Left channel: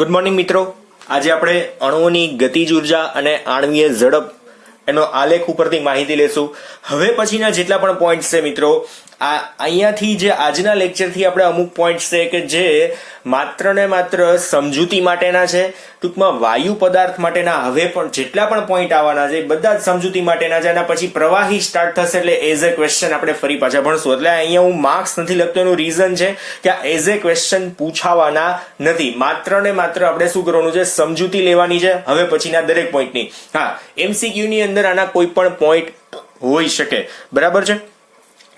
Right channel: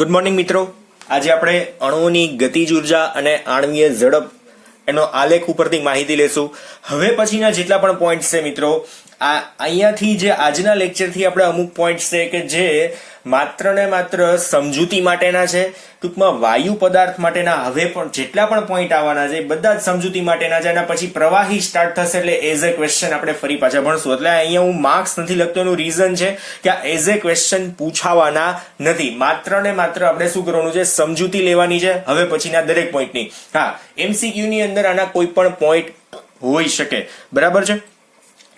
Good morning મિત્રો. આજે આપણે અણુઓની ગતિજ ઉર્જા અને આણ્વીય ઝડપ એનો આલેખ ઉપરથી માહિતી લેશું. હવે પછીના જેટલા પણ પોઈન્ટ છે મિત્રો, અહીંયાથી જે આજના લેક્ચરથી આપણે અમુક પોઈન્ટ છે કે જે માત્ર ને માત્ર સમજૂતી માટેના છે. ટૂંકમાં વાયુ પદાર્થ માટેના હવે પણ જેટલા પણ પોઈન્ટ આવવાના છે બધા જ સમજૂતી માટેના છે. અને પછી પ્રવાહી સ્ટાર્ટ થશે એટલે એઝ એ ક્વેશ્ચન આપણે ફરી પાછા ભણશું. એટલે અહીંયા હું માર્ક્સ નથી લખતો, એનું રીઝન છે કે આ એઝ એ ક્વેશ્ચન પૂછાવાના નથી. માત્ર ને માત્ર આપણે શું કરવાનું છે, સમજૂતી લેવાની છે હવે પછીના દરેક પોઈન્ટની. હા, એમસીક્યુ ની અંદર આના કોઈ પણ પોઈન્ટ હોઈ શકે, બરાબર છે.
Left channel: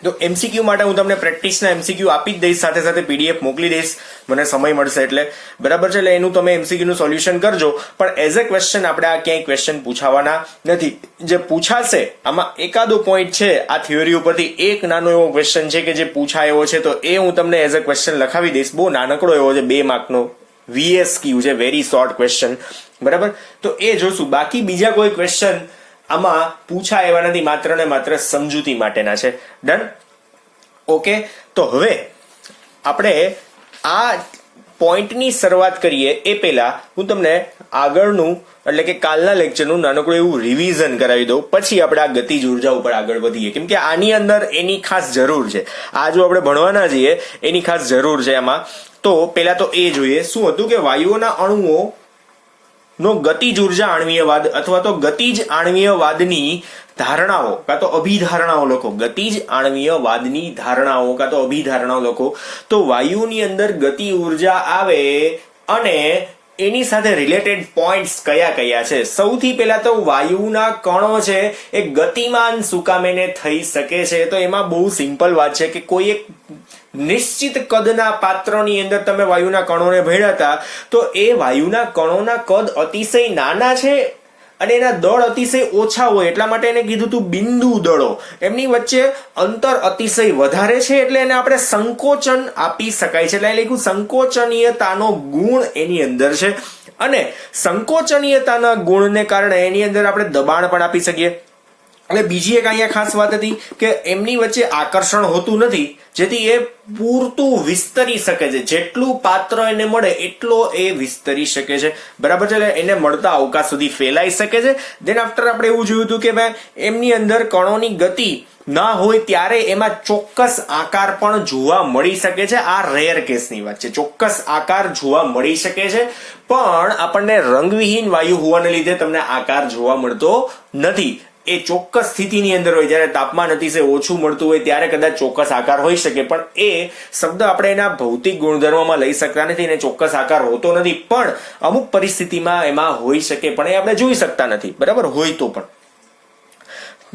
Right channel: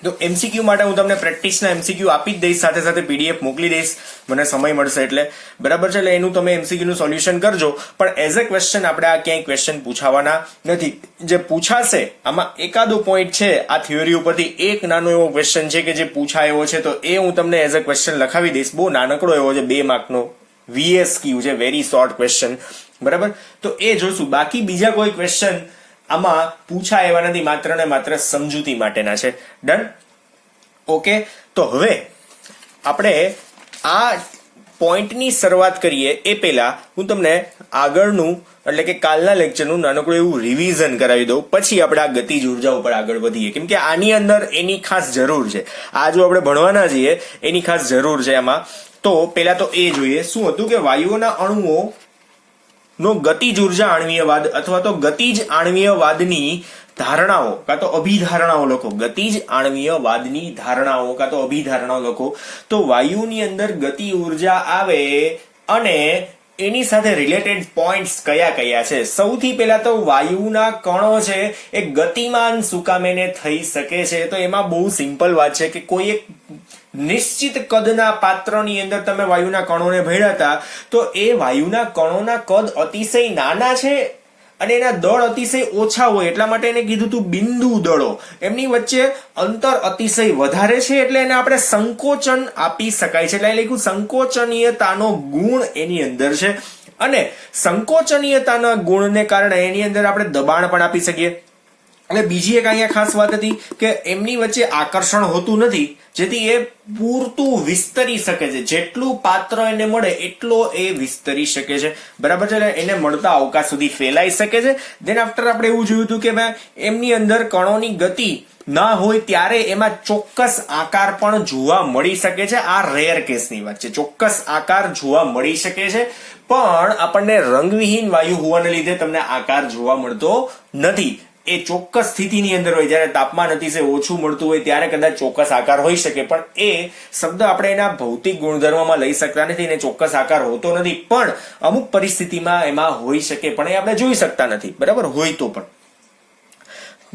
તો એમસીક્યુ માટે હું તમને પ્રેક્ટિસના એમસીક્યુ આપી જ દઈશ, સાથે સાથે પીડીએફ મોકલી દઈશ મને સમય મળશે એટલે, બરાબર છે. એટલે એનું તમે એમસીક્યુ નું સોલ્યુશન કરજો. પણ એઝ અ ક્વેશ્ચન આપણે આ ક્યાંય ક્વેશ્ચન પૂછાવાના નથી. જે પૂછાશે આમાં એકાદો પોઈન્ટ છે આ થિયરી ઉપરથી, એક નાનો એવો ક્વેશ્ચન છે કે જે પૂછાયો છે, તો એ હું તમને એઝ અ ક્વેશ્ચન લખાવી દઈશ. બહુ નાનકડો એવો છે, 2 માર્કનો VSQ છે, વેરી શોર્ટ ક્વેશ્ચન, બરાબર. તો એ જોશું. બાકી બીજા કોઈ ક્વેશ્ચન આમાં પૂછાય એવા નથી, માત્ર ને માત્ર સમજૂતી માટેના છે. Done, okay. તો હવે આપણે આ પોઈન્ટની શરૂઆત કરીએ એ પહેલા હું તમને આગળનું એટલે કે કાલના લેક્ચરનું નાનકડું એવું રિવિઝન કરાવી દઉં, પછી આપણે આ ગતિજ ઉર્જા ઉપર આગળ વધીએ. કેમ કે આની અંદર એની ખાસ જરૂર છે. આ જો આપણે ભણવાના છીએ એની ખાસ જરૂર છે આમાં. તો પહેલા તો એ જોઈએ શું હતું કે વાયુઓના અણુઓ નો ગતિજ ઉર્જા આણ્વીયવાદ અથવા તો ગતિજ આણ્વીયવાદની ધારણાઓ કાં તો અભિધારણાઓ લખો. ગતિજ આણ્વીયવાદની ધારણાઓ કાં તો અભિધારણાઓ લખો. તો વાયુની અંદર ગતિ ઉર્જા આવે અને એની સાથે રિલેટેડ પોઈન્ટ્સ કયા કયા છે. સૌથી પહેલા તો વાયુના કણો છે એ ગતિમાન સુકામેને થઈ શકે છે. તો એમાં બહુ સિમ્પલ વાત છે કે કોઈ એક નિશ્ચિત કદના પાત્રની અંદર તમે વાયુના કણોને ભેળ્યા હતા, તો એ વાયુના કણોના કદ અતિશય નાના છે અને એના દળ અતિશય ઓછા હોય, એટલા માટે એને કીધું હતું બિંદુ દળો. એમની વચ્ચે અંતર અતિશય વધારે છે એટલે એને આપણે સંકોચન આપી શકાય છે. એટલે લખ્યું સંકોચનીયતાનો ગુણ એની અંદર છે. અને સંકોચનીયતાના ગુણને કારણે એની અંદર આપણે દબાણ પણ આપી શકીએ. અને બીજી એક અહીંયા ખાસ વાત હતી કે એમની વચ્ચે આકર્ષણ હોતું નથી, જેથી એ પૂરતું વિસ્તરી શકે છે. જેટલું પાત્ર એને મળે એટલો એ વિસ્તરી શકે છે, બરાબર છે. એટલે એને મળતા અવકાશ સુધી ફેલાઈ શકે છે. દેન આફ્ટર આપણે એવું જોયું હતું કે ભાઈ એમની અંદર કણોની ગતિ ના હોય ત્યારે એમાં ચોક્કસ આકાર પણ જોવા મળી શકે છે. આ રેર કેસની વાત છે, ચોક્કસ આકાર જોવા મળી શકે છે. પણ આપણને રંગવિહીન વાયુ હોવાને લીધે તમને આકાર જોવા મળતો નથી. એ ચોક્કસ સ્થિતિની અંદર હોય, જયારે તાપમાન અતિશય ઓછું મળતું હોય ત્યારે કદાચ ચોક્કસ આકાર હોઈ શકે, પણ એ શબ્દ આપણે એના ભૌતિક ગુણધર્મોમાં લઈ શકતા નથી. એને ચોક્કસ આકાર હોતો નથી, પણ અમુક પરિસ્થિતિમાં એમાં હોઈ શકે, પણ એ આપણે જોઈ શકતા નથી, બરાબર, હોય તો પણ.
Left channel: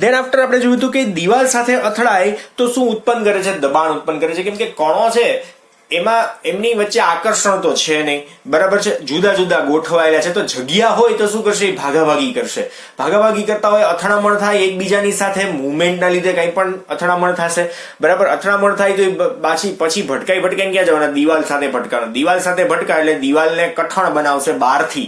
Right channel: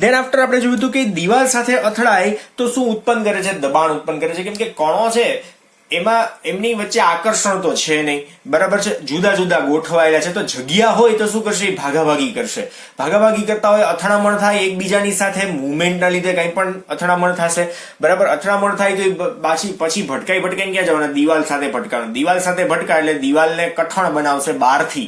દેન આફ્ટર આપણે જોયું હતું કે દિવાલ સાથે અથડાય તો શું ઉત્પન્ન કરે છે, દબાણ ઉત્પન્ન કરે છે. કેમ કે કણો છે એમાં એમની વચ્ચે આકર્ષણ તો છે નહીં, બરાબર છે, જુદા જુદા ગોઠવાયેલા છે. તો જગ્યા હોય તો શું કરશે, ભાગાભાગી કરશે. ભાગાભાગી કરતા હોય, અથડામણ થાય એકબીજાની સાથે, મુવમેન્ટના લીધે કંઈ પણ અથડામણ થશે, બરાબર. અથડામણ થાય તો પછી ભટકાઈને ક્યાં જવાના, દિવાલ સાથે ભટકાવાનું. દિવાલ સાથે ભટકાય એટલે દિવાલને કઠણ બનાવશે બહારથી,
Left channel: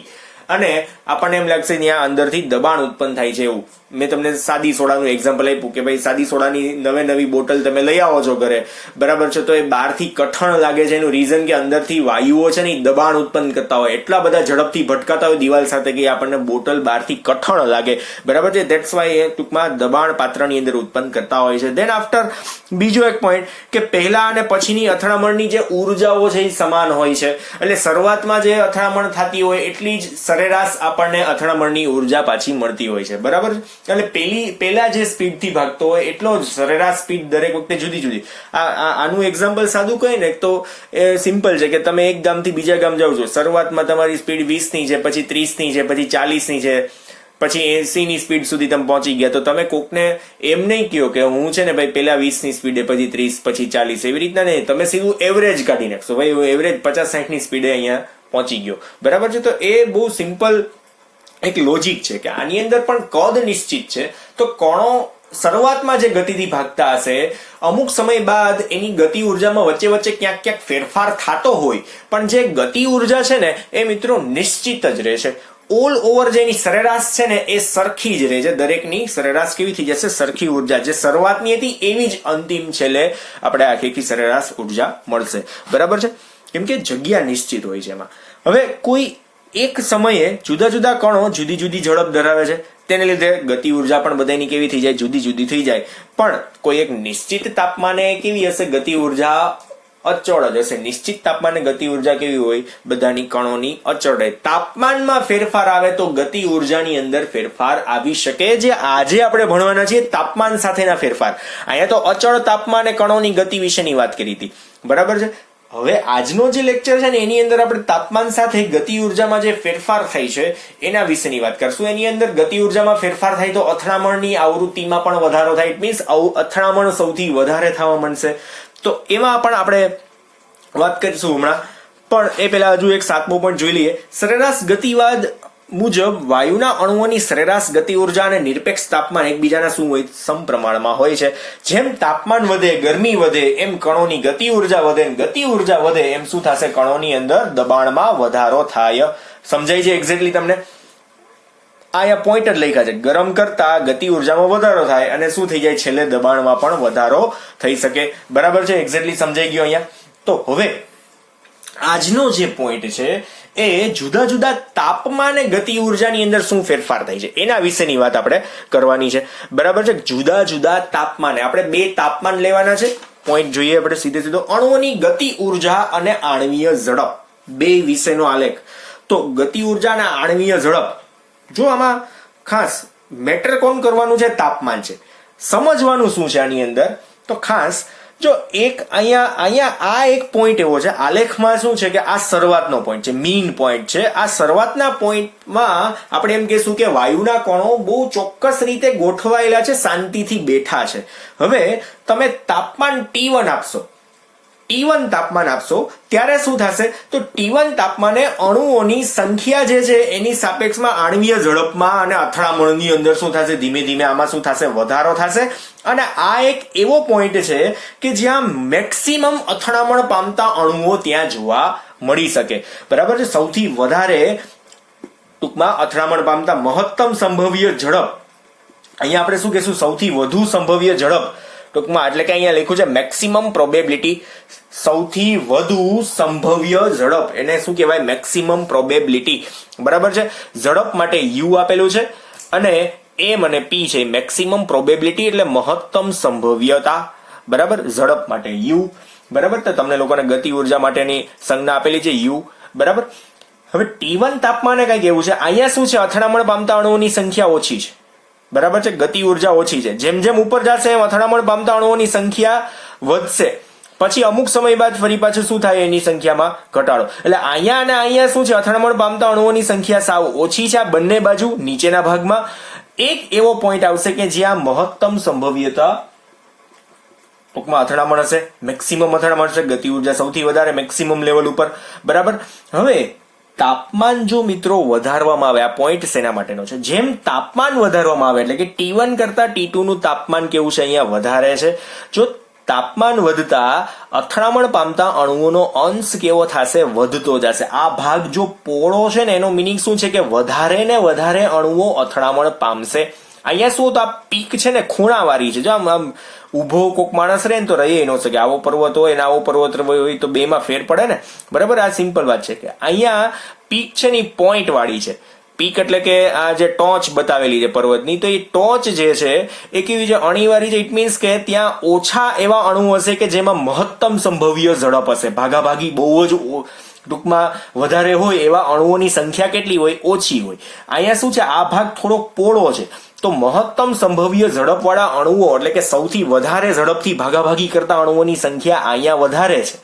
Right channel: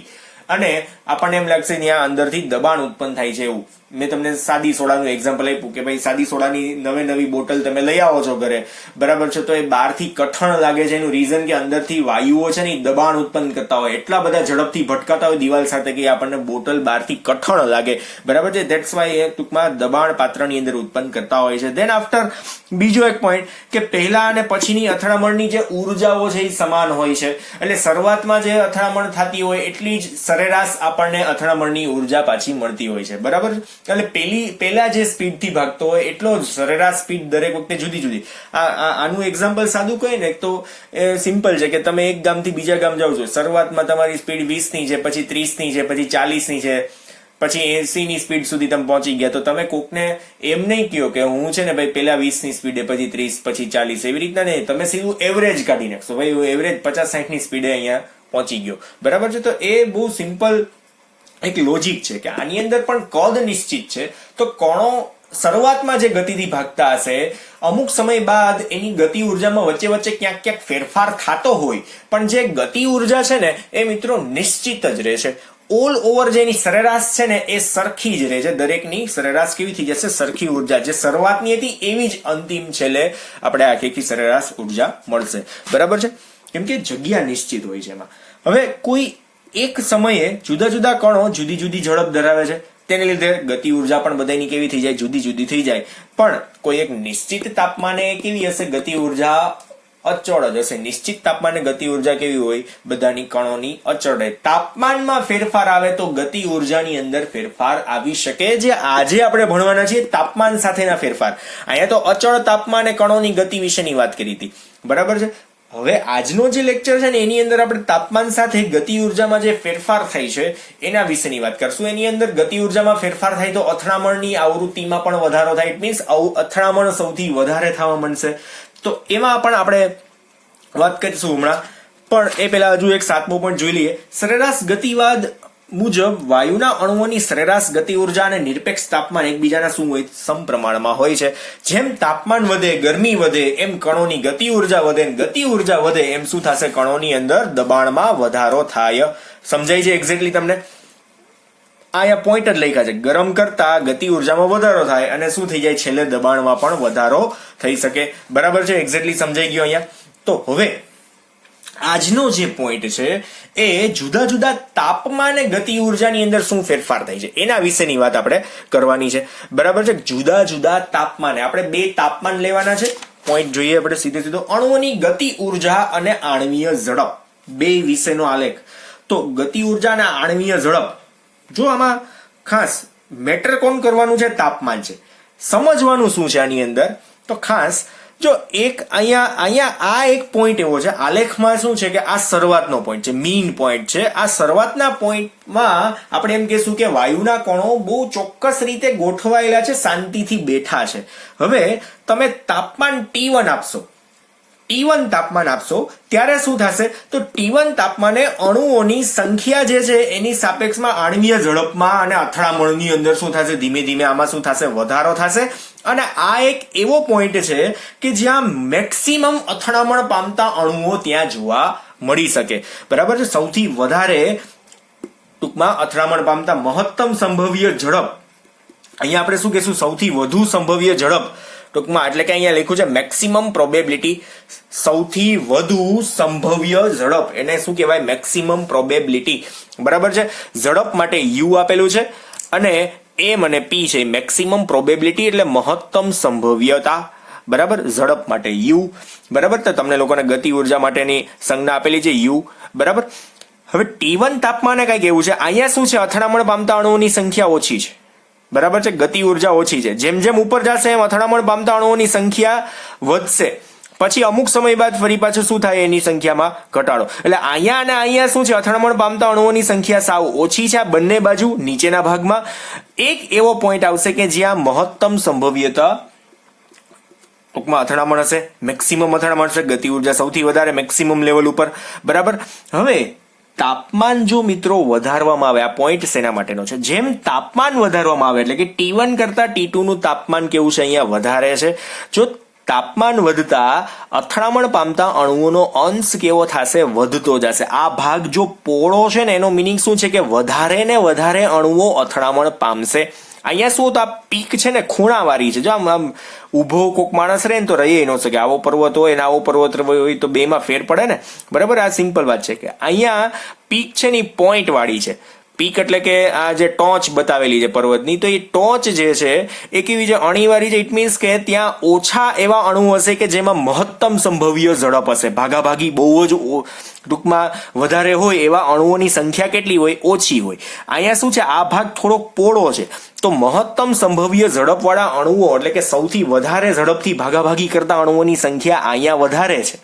અને આપણને એમ લાગશે ત્યાં અંદરથી દબાણ ઉત્પન્ન થાય છે એવું. મેં તમને સાદી સોડાનું એક્ઝામ્પલ આપ્યું કે ભાઈ સાદી સોડાની નવી બોટલ તમે લઈ આવો છો ઘરે, બરાબર છે, તો એ બહારથી કઠણ લાગે છે. એનું રીઝન કે અંદરથી વાયુઓ છે ને દબાણ ઉત્પન્ન કરતા હોય, એટલા બધા ઝડપથી ભટકાતા હોય દિવાલ સાથે કે આપણને બોટલ બહારથી કઠણ લાગે, બરાબર છે. ધેટ્સ વાય એ ટૂંકમાં દબાણ પાત્રની અંદર ઉત્પન્ન કરતા હોય છે. દેન આફ્ટર બીજો એક પોઈન્ટ કે પહેલા અને પછીની અથડામણની જે ઉર્જાઓ છે એ સમાન હોય છે. એટલે શરૂઆતમાં જે અથડામણ થતી હોય એટલી જ સરેરાશ આપણને અથડામણની ઉર્જા પાછી મળતી હોય છે, બરાબર. એટલે પહેલા જે સ્પીડથી ભાગતો હોય એટલો જ સરેરાશ સ્પીડ દરેક વખતે જુદી જુદી. આનું એક્ઝામ્પલ સાદું કહે ને તો એ સિમ્પલ છે કે તમે એક ગામથી બીજા ગામ જાઓ છો, શરૂઆતમાં તમારી સ્પીડ 20 ની છે, પછી 30 ની છે, પછી 40 ની છે, પછી 80 ની સ્પીડ સુધી તમે પહોંચી ગયા. તો તમે કોકને એમ નહીં કહો કે હું છે ને ભાઈ પેલા 20 ની સ્પીડે, પછી 30, પછી 40, એવી રીતના નહીં. તમે સીધું એવરેજ કાઢી નાખશો, ભાઈ હું એવરેજ 50-60 ની સ્પીડે અહીંયા પહોંચી ગયો, બરાબર છે. તો એ બહુ સિમ્પલ એક લોજિક છે કે આની અંદર પણ કદ નિશ્ચિત છે. તો કણો શરૂઆતમાં જે ગતિથી ભાગતા હશે, અમુક સમય બાદ એની ગતિ ઉર્જામાં વચ્ચે ક્યાંક ફેરફાર થતો હોય, પણ જે ગતિ ઉર્જા છે ને એ મિત્રો નિશ્ચિત જ રહેશે. ઓલ ઓવર જે એની સરેરાશ છે ને એ સરખી જ રહે છે. દરેકની સરેરાશ કેવી થઈ જશે, સરખી ઉર્જા. જે શરૂઆતની હતી એવી જ અંતિમ છેલ્લે આપણે આખી સરેરાશ ઉર્જા મળશે, બરાબર છે. કેમ કે જગ્યા નિશ્ચિત હોય છે એમાં. હવે કોઈ એક સમયે જુદા જુદા કણો જુદી જુદી ઝડપ ધરાવે છે, તેને લીધે ગતિ ઉર્જા પણ બધાની કેવી થઈ જાય, જુદી જુદી થઈ જાય. પણ કોઈ એક નિશ્ચિત તાપમાને કેવી હશે, ગતિ ઉર્જા અચળ જ હશે. નિશ્ચિત તાપમાને ગતિ ઉર્જા કેવી હોય, બધાની કણોની અચળ રહે. તાપમાનમાં ફેરફાર આવે તો ગતિ ઉર્જાની અંદર ફેરફાર આવી શકે, જે આજે આપણે ભણવાના છીએ તાપમાન સાથેના ફેરફાર. અહીંયા તો અચળ તાપમાને કણોની ગતિ વિશેની વાત કરી હતી, બરાબર છે. હવે આજનો જે લેક્ચર છે ને એની અંદર આપણે તાપમાન સાથે ગતિ ઉર્જામાં જે ફેરફાર થાય છે એના વિશેની વાત કરશું. એની અંદર ગતિ ઉર્જામાં ફેરફાર થાય તો અથડામણની આવૃત્તિમાં પણ વધારો થાય. ઇટ મીન્સ અથડામણ સૌથી વધારે થવા માંડશે. તો એમાં પણ આપણે વાત કરીશું હમણાં. પણ એ પહેલા હજુ એક 7મો પોઈન્ટ જોઈ લઈએ. સરેરાશ ગતિવાદ મુજબ વાયુના અણુઓની સરેરાશ ગતિ ઉર્જા અને નિરપેક્ષ તાપમાન એકબીજાના શું હોય, સમપ્રમાણમાં હોય છે. જેમ તાપમાન વધે, ગરમી વધે, એમ કણોની ગતિ ઉર્જા વધે. ગતિ ઉર્જા વધે એમ શું થશે, કણોની અંદર દબાણમાં વધારો થાય. સમજાય છે એક્ઝેક્ટલી તમને? અહીંયા પોઈન્ટ જ લખ્યા છે, ગરમ કરતા ગતિ ઉર્જામાં વધારો થાય અને શું થઈ જાય, છેલ્લે દબાણમાં પણ વધારો થઈ શકે. બરાબર છે, એક્ઝેક્ટલી સમજાઈ ગયો અહીંયા. તો હવે આજનો જે પોઈન્ટ છે એ જુદા જુદા તાપમાને ગતિ ઉર્જાની અંદર શું ફેરફાર થાય છે એના વિશેની વાત આપણે કરવાની છે, બરાબર છે. જુદા જુદા તાપમાને આપણે 2 તાપમાન લેવાના છે. પોઈન્ટ જોઈએ આપણે સીધો. અણુઓની ગતિ ઉર્જા અને આણ્વીય ઝડપ, 2 વિશેનો આલેખ. તો ગતિ ઉર્જા અને આણ્વીય ઝડપ, જો આમાં ખાસ મેટર કોણ કરવાનું છે, તાપમાન છે. સમજવાનું શું છે આની અંદર, તો ખાસ જો એક અહીંયા આ એક પોઈન્ટ એવો છે આલેખમાં, શું છે કે આ શરૂઆતનો પોઈન્ટ છે, મીન પોઈન્ટ છે. આ શરૂઆતના પોઈન્ટમાં આપણે એમ કહેશું કે વાયુના કણો બહુ ચોક્કસ રીતે ગોઠવાયેલા છે, શાંતિથી બેઠા છે. હવે તમે તાપમાન T1 આપશો, T1 તાપમાન આપશો ત્યારે શું થશે, તો T1 તાપમાને અણુઓની સંખ્યા જે છે એની સાપેક્ષમાં આણ્વીય ઝડપમાં અને અથડામણની અંદર શું થશે, ધીમે ધીમે આમાં શું થશે, વધારો થશે. અને આ એક એવો પોઈન્ટ છે કે જ્યાં મેક્સિમમ અથડામણ પામતા અણુઓ ત્યાં જોવા મળી શકે, બરાબર છે. સૌથી વધારે ટૂંકમાં અથડામણ પામતા મહત્તમ સંભવ્ય ઝડપ, અહીંયા આપણે શું કહેશું, સૌથી વધુ સંભવ્ય ઝડપ ટૂંકમાં, એટલે કે અહીંયા લખ્યું છે મેક્સિમમ પ્રોબેબિલિટી, સૌથી વધુ સંભવ્ય ઝડપ, એને શું કહેવાય, મેક્સિમમ પ્રોબેબિલિટી, બરાબર છે. ઝડપ માટે U આપેલું છે અને M અને P છે, મેક્સિમમ પ્રોબેબિલિટી એટલે મહત્તમ સંભવ્યતા, બરાબર. ઝડપ માટે U, બરાબર. તો તમને લોકોને ગતિ ઉર્જા માટેની સંજ્ઞા આપેલી છે U, બરાબર. હવે T1 તાપમાને કઈક એવું છે, અહીંયા શું છે, અથડામણ પામતા અણુઓની સંખ્યા ઓછી છે, બરાબર છે, ગતિ ઉર્જા ઓછી છે. જેમ જેમ ઉપર જશે એમ અથડામણ પામતા અણુઓની સંખ્યા વધશે, પછી અમુક સમય બાદ ફરી પાછું શું થાય, એની સંખ્યામાં ઘટાડો. એટલે અહીંયા અને અહીંયા શું છે, અથડામણ પામતા અણુઓની સંખ્યા સાવ ઓછી છે. આ બંને બાજુ નીચેના ભાગમાં એક એવો પોઈન્ટ આવશે કે જ્યાં મહત્તમ સંભવ્યતા ટૂંકમાં અથડામણ હશે, મેક્સિમમ અથડામણ હશે, ગતિ ઉર્જા સૌથી વધારે મેક્સિમમ લેવલ ઉપર, બરાબર. હવે તાપમાન જો મિત્રો વધારવામાં આવે, આ પોઈન્ટ શેના માટેનો છે, જેમ તાપમાન વધારવામાં આવે એટલે કે T1 કરતા T2 નું તાપમાન કેવું છે, અહીંયા વધારે છે. જો તાપમાન વધતા અથડામણ પામતા અણુઓનો અંશ કેવો થશે, વધતો જશે. આ ભાગ જો પોળો છે ને એનો મિનિંગ શું છે કે વધારે ને વધારે અણુઓ અથડામણ પામશે. અહીંયા શું, તો આ પીક છે ને ખૂણાવાળી છે. જો આમ ઉભો કોક માણસ રહે ને તો રહી ન શકે, આવો પર્વત હોય ને આવો પર્વત હોય તો બેમાં ફેર પડે ને, બરાબર. આ સિમ્પલ વાત છે કે અહીંયા પીક છે ને પોઈન્ટ વાળી છે. પીક એટલે કે આ જે ટોચ બતાવેલી છે પર્વતની, તો એ ટોચ જે છે એ કેવી છે, અણીવાળી છે. ઇટ મીન્સ કે ત્યાં ઓછા એવા અણુ હશે કે જેમાં મહત્તમ સંભવ્ય ઝડપ હશે, ભાગાભાગી બહુ જ ટૂંકમાં વધારે હોય એવા અણુઓની સંખ્યા કેટલી હોય, ઓછી હોય. અહીંયા શું છે, આ ભાગ થોડોક પોળો છે, તો મહત્તમ સંભવ્ય ઝડપવાળા અણુઓ એટલે કે સૌથી વધારે ઝડપથી ભાગાભાગી કરતા અણુઓની સંખ્યા અહીંયા વધારે છે,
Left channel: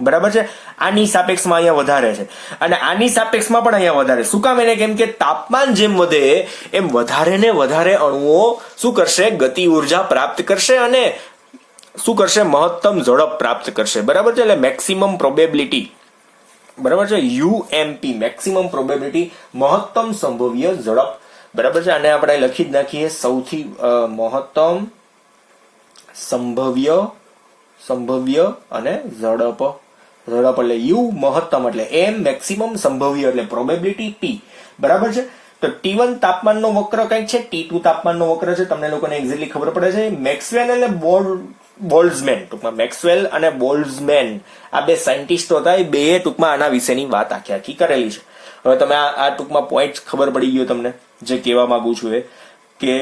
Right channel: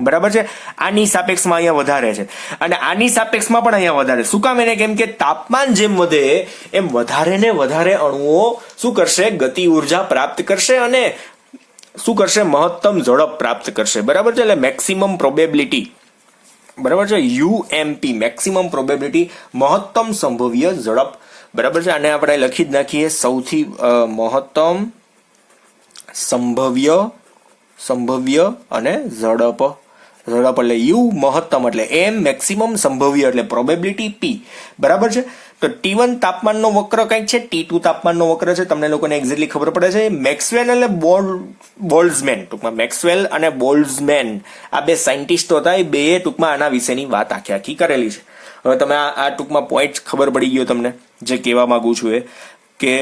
બરાબર છે. આની સાપેક્ષમાં અહીંયા વધારે છે અને આની સાપેક્ષમાં પણ અહીંયા વધારે. શું કામ? એને કેમ કે તાપમાન જેમ વધે એમ વધારે ને વધારે અણુઓ શું કરશે, ગતિ ઉર્જા પ્રાપ્ત કરશે અને શું કરશે, મહત્તમ ઝડપ પ્રાપ્ત કરશે, બરાબર છે. એટલે મેક્સિમમ પ્રોબેબિલિટી, બરાબર છે, UMP, મેક્સિમમ પ્રોબેબિલિટી, મહત્તમ સંભવ્ય ઝડપ, બરાબર છે. અને આપણે લખી જ નાખીએ, સૌથી મહત્તમ સંભવ્ય અને ઝડપ, ઝડપ એટલે યુ, મહત્તમ એટલે એમ, મેક્સિમમ સંભવ્ય એટલે પ્રોબેબિલિટી પી. બરાબર છે. તો T1 તાપમાનનો વક્ર કંઈક છે, T2 તાપમાનનો વક્ર છે, તમને લોકોને એક્ઝેક્ટલી ખબર પડે છે. મેક્સવેલ અને બોલ્ટ્ઝમેન, ટૂંકમાં મેક્સવેલ અને બોલ્ટ્ઝમેન આ બે સાયન્ટિસ્ટો હતા, એ બે ટૂંકમાં આના વિશેની વાત આખી કરેલી છે. હવે તમે આ ટૂંકમાં પોઈન્ટ ખબર પડી ગયો તમને જે કહેવા માંગુ છું એ, કે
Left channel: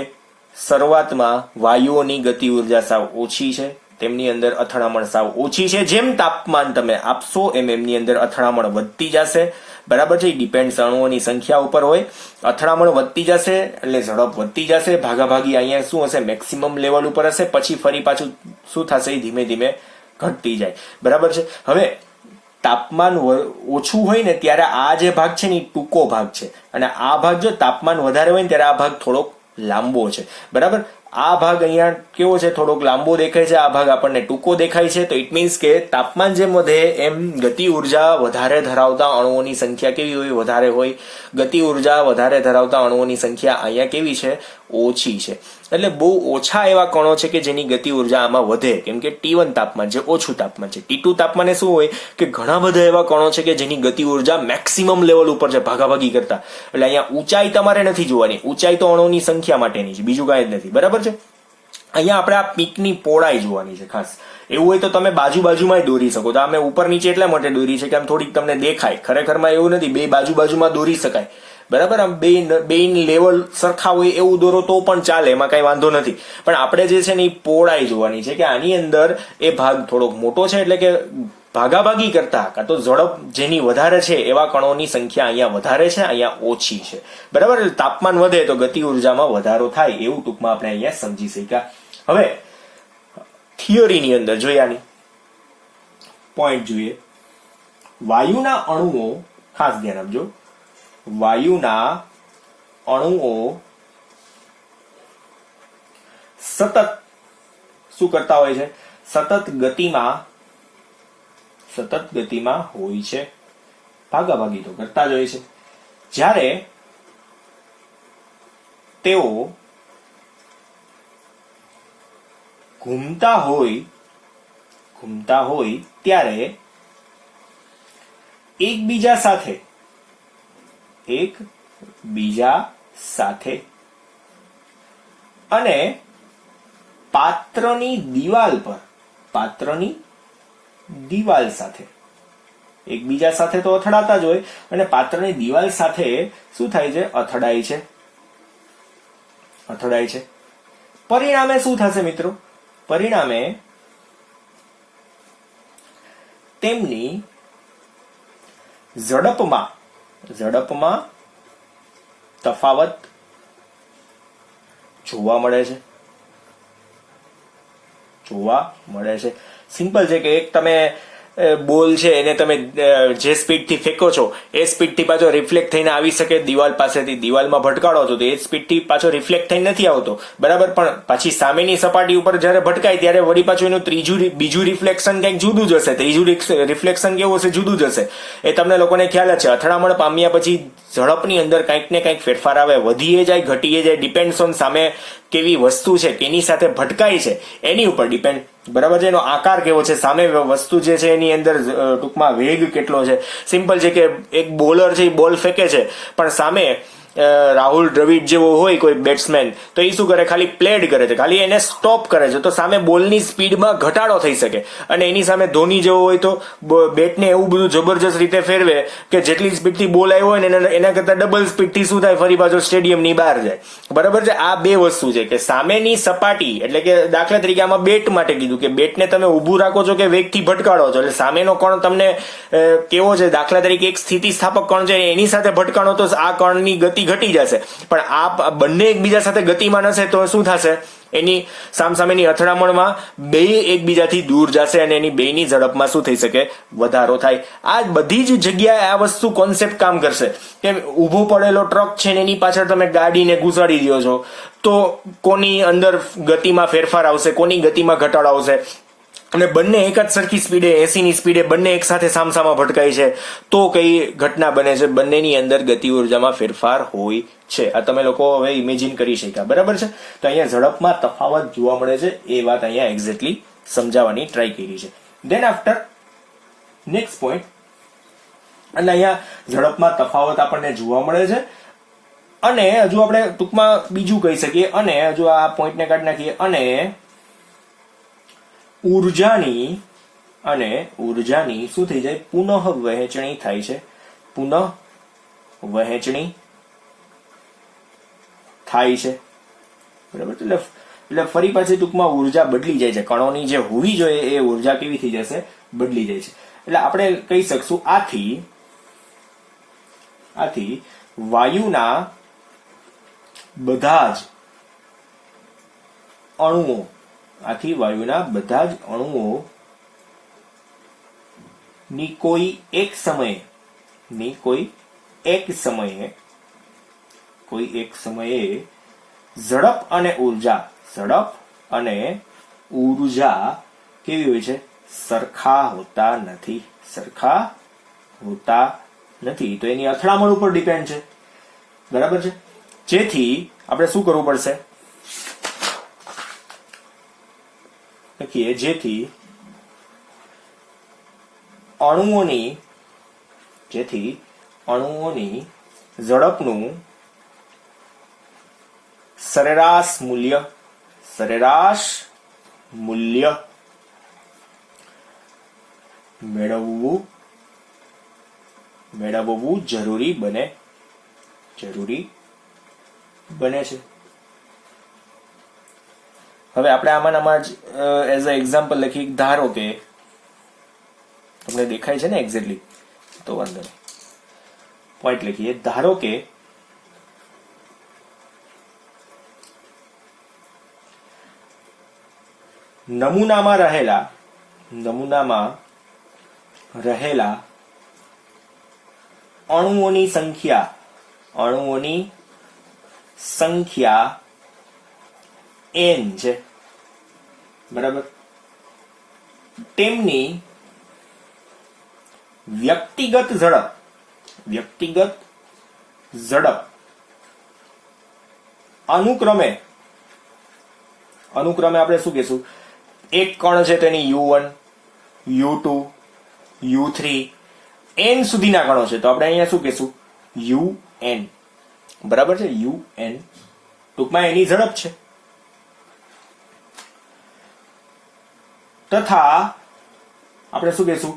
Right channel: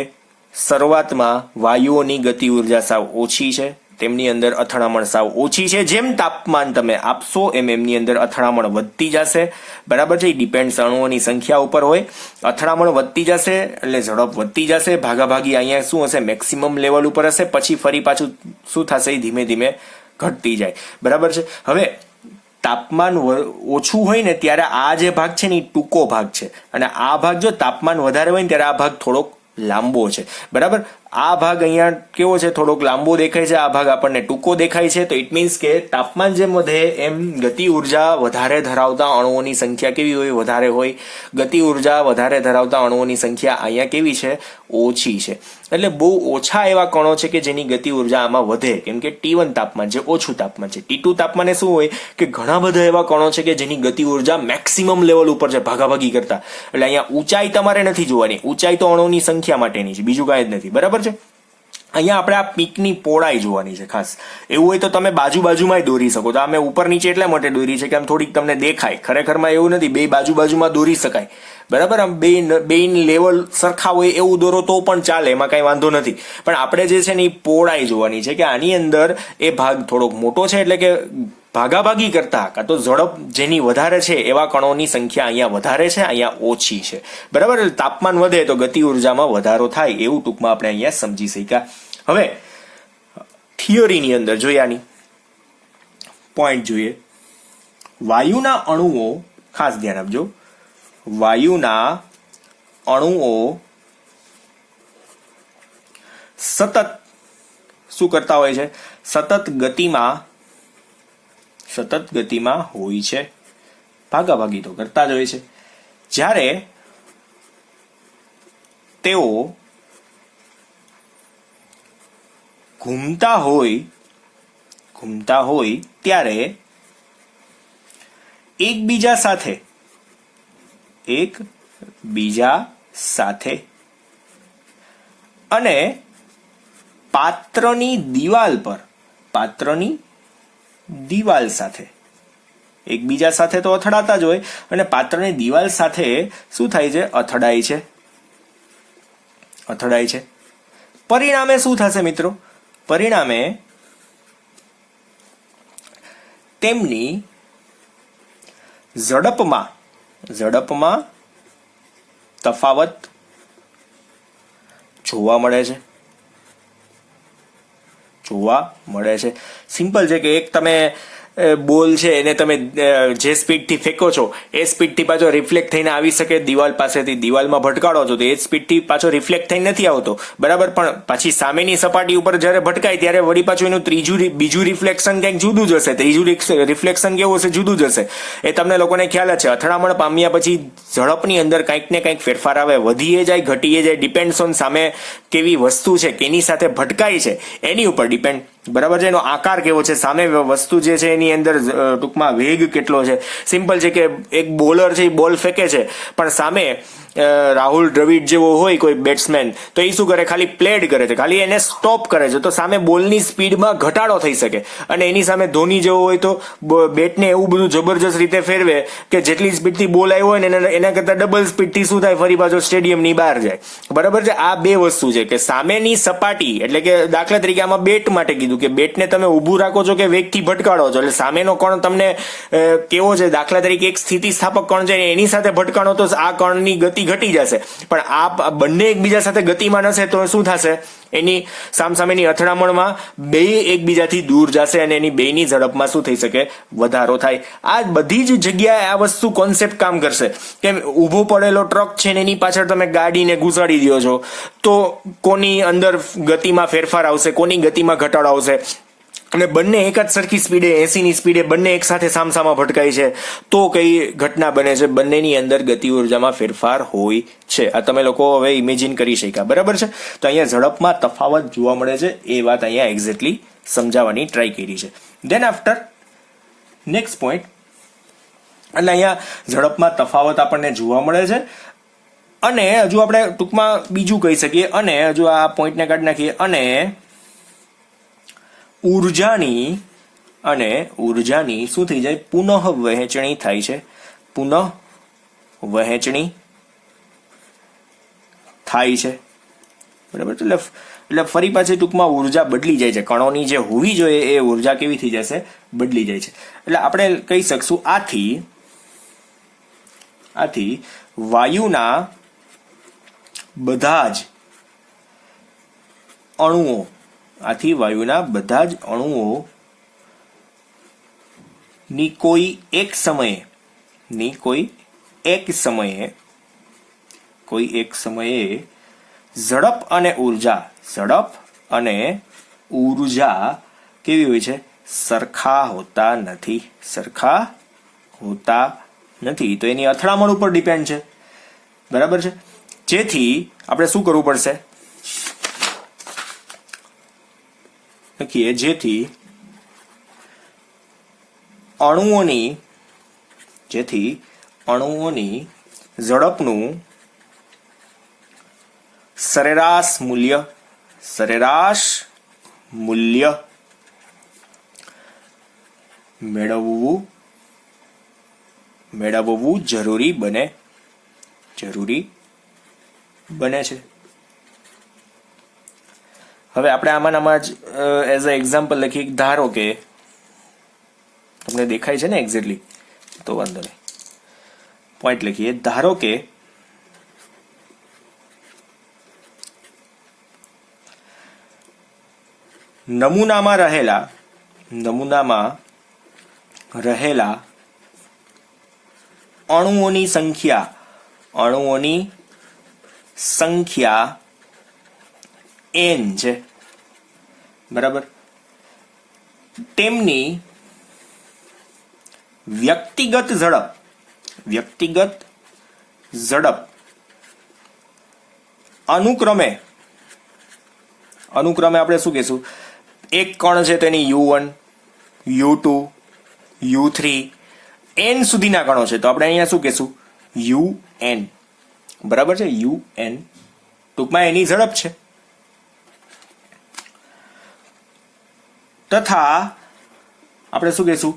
શરૂઆતમાં વાયુઓની ગતિ ઉર્જા સાવ ઓછી છે, તેમની અંદર અથડામણ સાવ ઓછી છે. જેમ તાપમાન તમે આપશો એમ એમની અંદર અથડામણ વધતી જશે. બરાબર છે. ડિપેન્ડ અણુઓની સંખ્યા ઉપર હોય. અથડામણ વધતી જશે એટલે ઝડપ વધતી જશે. ભાગાભાગી અહીંયા શું હશે, મેક્સિમમ લેવલ ઉપર હશે. પછી ફરી પાછું શું થશે, ધીમે ધીમે ઘટતી જાય. બરાબર છે. હવે તાપમાન ઓછું હોય ને ત્યારે આ જે ભાગ છે ને એ ટૂંકો ભાગ છે, અને આ ભાગ જો તાપમાન વધારે હોય ને ત્યારે આ ભાગ થોડોક લાંબો છે. બરાબર. આ ભાગ અહીંયા કેવો છે, થોડોક લાંબો દેખાય છે, આ ભાગ આપણને ટૂંકો દેખાય છે. તો ઇટ મીન્સ કે તાપમાન જેમ વધે એમ ગતિ ઉર્જા વધારે ધરાવતા અણુઓની સંખ્યા કેવી હોય, વધારે હોય. ગતિ ઉર્જા વધારે ધરાવતા અણુઓની સંખ્યા અહીંયા કેવી છે, ઓછી છે. એટલે બહુ ઓછા એવા કણો છે કે જેની ગતિ ઉર્જા આમાં વધે, કેમ કે T1 તાપમાન છે, ઓછું તાપમાન છે. T2 તાપમાને શું હોય કે ઘણા બધા એવા કણો છે કે જેની ગતિ ઉર્જા મેક્સિમમ લેવલ ઉપર છે, ભાગાભાગી કરતા. એટલે અહીંયા ઊંચાઈ તમારે નથી જોવાની, ઊંચાઈ તો અણુની સંખ્યા માટેની છે, બીજું કાંઈ જ નથી. બરાબર છે. અહીંયા આપણે આ પીકની પહોળાઈ જોવાની છે ખાસ. એવું હોય તો તમે બાજુમાં દોરી શકો. તો અમે ઉપર નીચે એટલા માટે દોરી છે કે આમ થોડીક તમને દેખાય. ખરેખરમાં એવું નથી, બે બાજુમાં દોરી શકાય. બરાબર. આમ બે લેવલ સરખા હોય એવું દોરો તો પણ ચાલે, એમાં કઈ વાંધો નથી. પણ આપણે જે છે ને એ પહોળાઈ જોવાની છે કે આની અંદર એ ભાગ થોડોક મોટો છે, એટલે કે ભાગાભાગી કરતા કાં તો ઝડપ જેની વધારે છે એવા કણોની સંખ્યા અહીંયા વધારે છે, અહીંયા ઓછી છે. બરાબર. તાપમાન વધે તો ગતિ ઉર્જામાં વધારો થાય, એવું ટૂંકમાં આપણે અહીંયા સમજી શક્યા. હવે થિયરીની અંદર જોઈએ, આની પોઈન્ટ જોઈએ. વાયુના અણુઓ, ખાસ ધ્યાન આપજો, વાયુના અણુઓ સતત શું કરતા હોય છે, સતત ગતિમાં હોય છે. ભાગાભાગી તો કરતા જ હોય છે. જ્યારે તેઓ ઘૂમતા હોય ત્યારે એકબીજા સાથે અને પાત્રની દિવાલ સાથે, એકબીજા સાથે તો અથડાતા જ હોય, અને પાત્રની દિવાલ સાથે શું થાય છે, અથડાય છે. પરિણામે શું થશે મિત્રો? પરિણામે તેમની ઝડપમાં તફાવત જોવા મળે છે. સિમ્પલ છે કે એક તમે બોલ છે એને તમે જે સ્પીડથી ફેંકો છો એ સ્પીડથી પાછો રિફ્લેક્ટ થઈને આવી શકે દિવાલ પાસેથી, દિવાલમાં ભટકાડો છો તો એ સ્પીડથી પાછો રિફ્લેક્ટ થઈને નથી આવતો. બરાબર. પણ પછી સામેની સપાટી ઉપર જ્યારે ભટકાય ત્યારે વળી પાછું એનું બીજું રિફ્લેક્શન કંઈક જુદું જ હશે. ત્રીજું રિફ્લેક્શન કેવું હશે, જુદું જ હશે. એ તમને લોકોને ખ્યાલ જ છે. અથડામણ પામ્યા પછી ઝડપની અંદર કંઈક ને કંઈક ફેરફાર આવે, વધીએ જાય, ઘટીએ જાય. ડિપેન્ડ્સ ઓન સામે કેવી વસ્તુ છે, કેની સાથે ભટકાય છે એની ઉપર ડિપેન્ડ. બરાબર છે. એનો આકાર કેવો છે, સામે વસ્તુ જે છે એની અંદર ટૂંકમાં વેગ કેટલો છે. સિમ્પલ છે કે એક બોલર છે, બોલ ફેંકે છે, પણ સામે રાહુલ દ્રવિડ જેવો હોય કોઈ બેટ્સમેન, તો એ શું કરે, ખાલી પ્લેડ કરે છે, ખાલી એને સ્ટોપ કરે છે, તો સામે બોલની સ્પીડમાં ઘટાડો થઈ શકે. અને એની સામે ધોની જેવો હોય તો બેટને એવું બધું જબરજસ્ત રીતે ફેરવે કે જેટલી સ્પીડથી બોલ આવ્યો હોય ને એના કરતા ડબલ સ્પીડથી શું થાય, ફરી પાછો સ્ટેડિયમની બહાર જાય. બરાબર છે. આ બે વસ્તુ છે કે સામેની સપાટી, એટલે કે દાખલા તરીકે આમાં બેટ માટે કીધું કે બેટને તમે ઊભું રાખો છો કે વેગથી ભટકાડો છો, એટલે સામેનો કણ તમને કેવો છે, દાખલા તરીકે એક સ્થિતિસ્થાપક કણ છે એની સાથે ભટકાડો તો આ કણની ગતિ ઘટી જશે. પણ આ બંને એકબીજા સાથે ગતિમાન હશે તો શું થશે, એની સામસામેની અથડામણમાં બે એકબીજાથી દૂર જશે અને એની બેની ઝડપમાં શું થઈ શકે, વધારો થાય. આ બધી જ જગ્યાએ આ વસ્તુ કોન્સેપ્ટ કામ કરશે. કેમ, ઊભો પડેલો ટ્રક છે ને એની પાછળ તમે ગાડીને ઘુસાડી દો છો તો કોની અંદર ગતિમાં ફેરફાર આવશે, કોની ગતિમાં ઘટાડો આવશે. અને બંને એક જ સરખી સ્પીડે, 80ની સ્પીડે બંને એક સાથે સામસામા ભટકાય છે તો કઈ ઘટના બને છે, બંનેની અંદર ગતિ ઉર્જામાં ફેરફાર હોય છે. આ તમે લોકો હવે ઇમેજિન કરી શક્યા. બરાબર છે. તો અહીંયા ઝડપમાં તફાવત જોવા મળે છે, એ વાત અહીંયા એક્ઝેક્ટલી સમજાવવાની ટ્રાય કરી છે. દેન આફ્ટર નેક્સ્ટ પોઈન્ટ, એટલે અહીંયા ઝડપમાં તફાવત આપણને જોવા મળે છે. અને હજુ આપણે ટૂંકમાં બીજું કહી શકીએ, અને હજુ આ પોઈન્ટને કાઢી નાખીએ, અને ઉર્જાની શું થઈ જાય? પુનઃ વહેંચણી થાય છે. પુનઃ વહેંચણી થાય છે, બરાબર. એટલે ફરી પાછી ટૂંકમાં ઉર્જા બદલી જાય છે. કણોની જે હોવી જોઈએ એ ઉર્જા કેવી થઈ જશે? બદલી જાય છે. એટલે આપણે કહી શકશું આથી વાયુના બધા જ અણુઓ ની કોઈ એક સમયે ઝડપ અને ઉર્જા કેવી હોય છે? સરખા હોતા નથી. તો એની અથડામણ ઉપર ડિપેન્ડ છે, બરાબર છે. જેથી આપણે શું કરવું પડશે? લખીએ, જેથી અણુઓની ઝડપનું સરેરાશ મૂલ્ય મેળવવું જરૂરી બને છે. હવે આપણે આમાં જ એઝ અ એક્ઝામ્પલ લખીએ. ધારો કે તમને દેખાય છે ને એક્ઝેક્ટલી, તો વાંધો નહીં, પોઈન્ટ લખીએ. ધારો કે નમૂનામાં રહેલા અણુઓની સંખ્યા n છે, બરાબર. તેમની વ્યક્તિગત ઝડપ અનુક્રમે આપણે શું કહેશું? એક કણ છે તેની u1, u2, u3 n સુધીના કણો છે, તો આપણે અહીંયા શું કહેશું? un, બરાબર છે. un ટૂંકમાં એની ઝડપ છે. તથા આપણે શું કહેશું?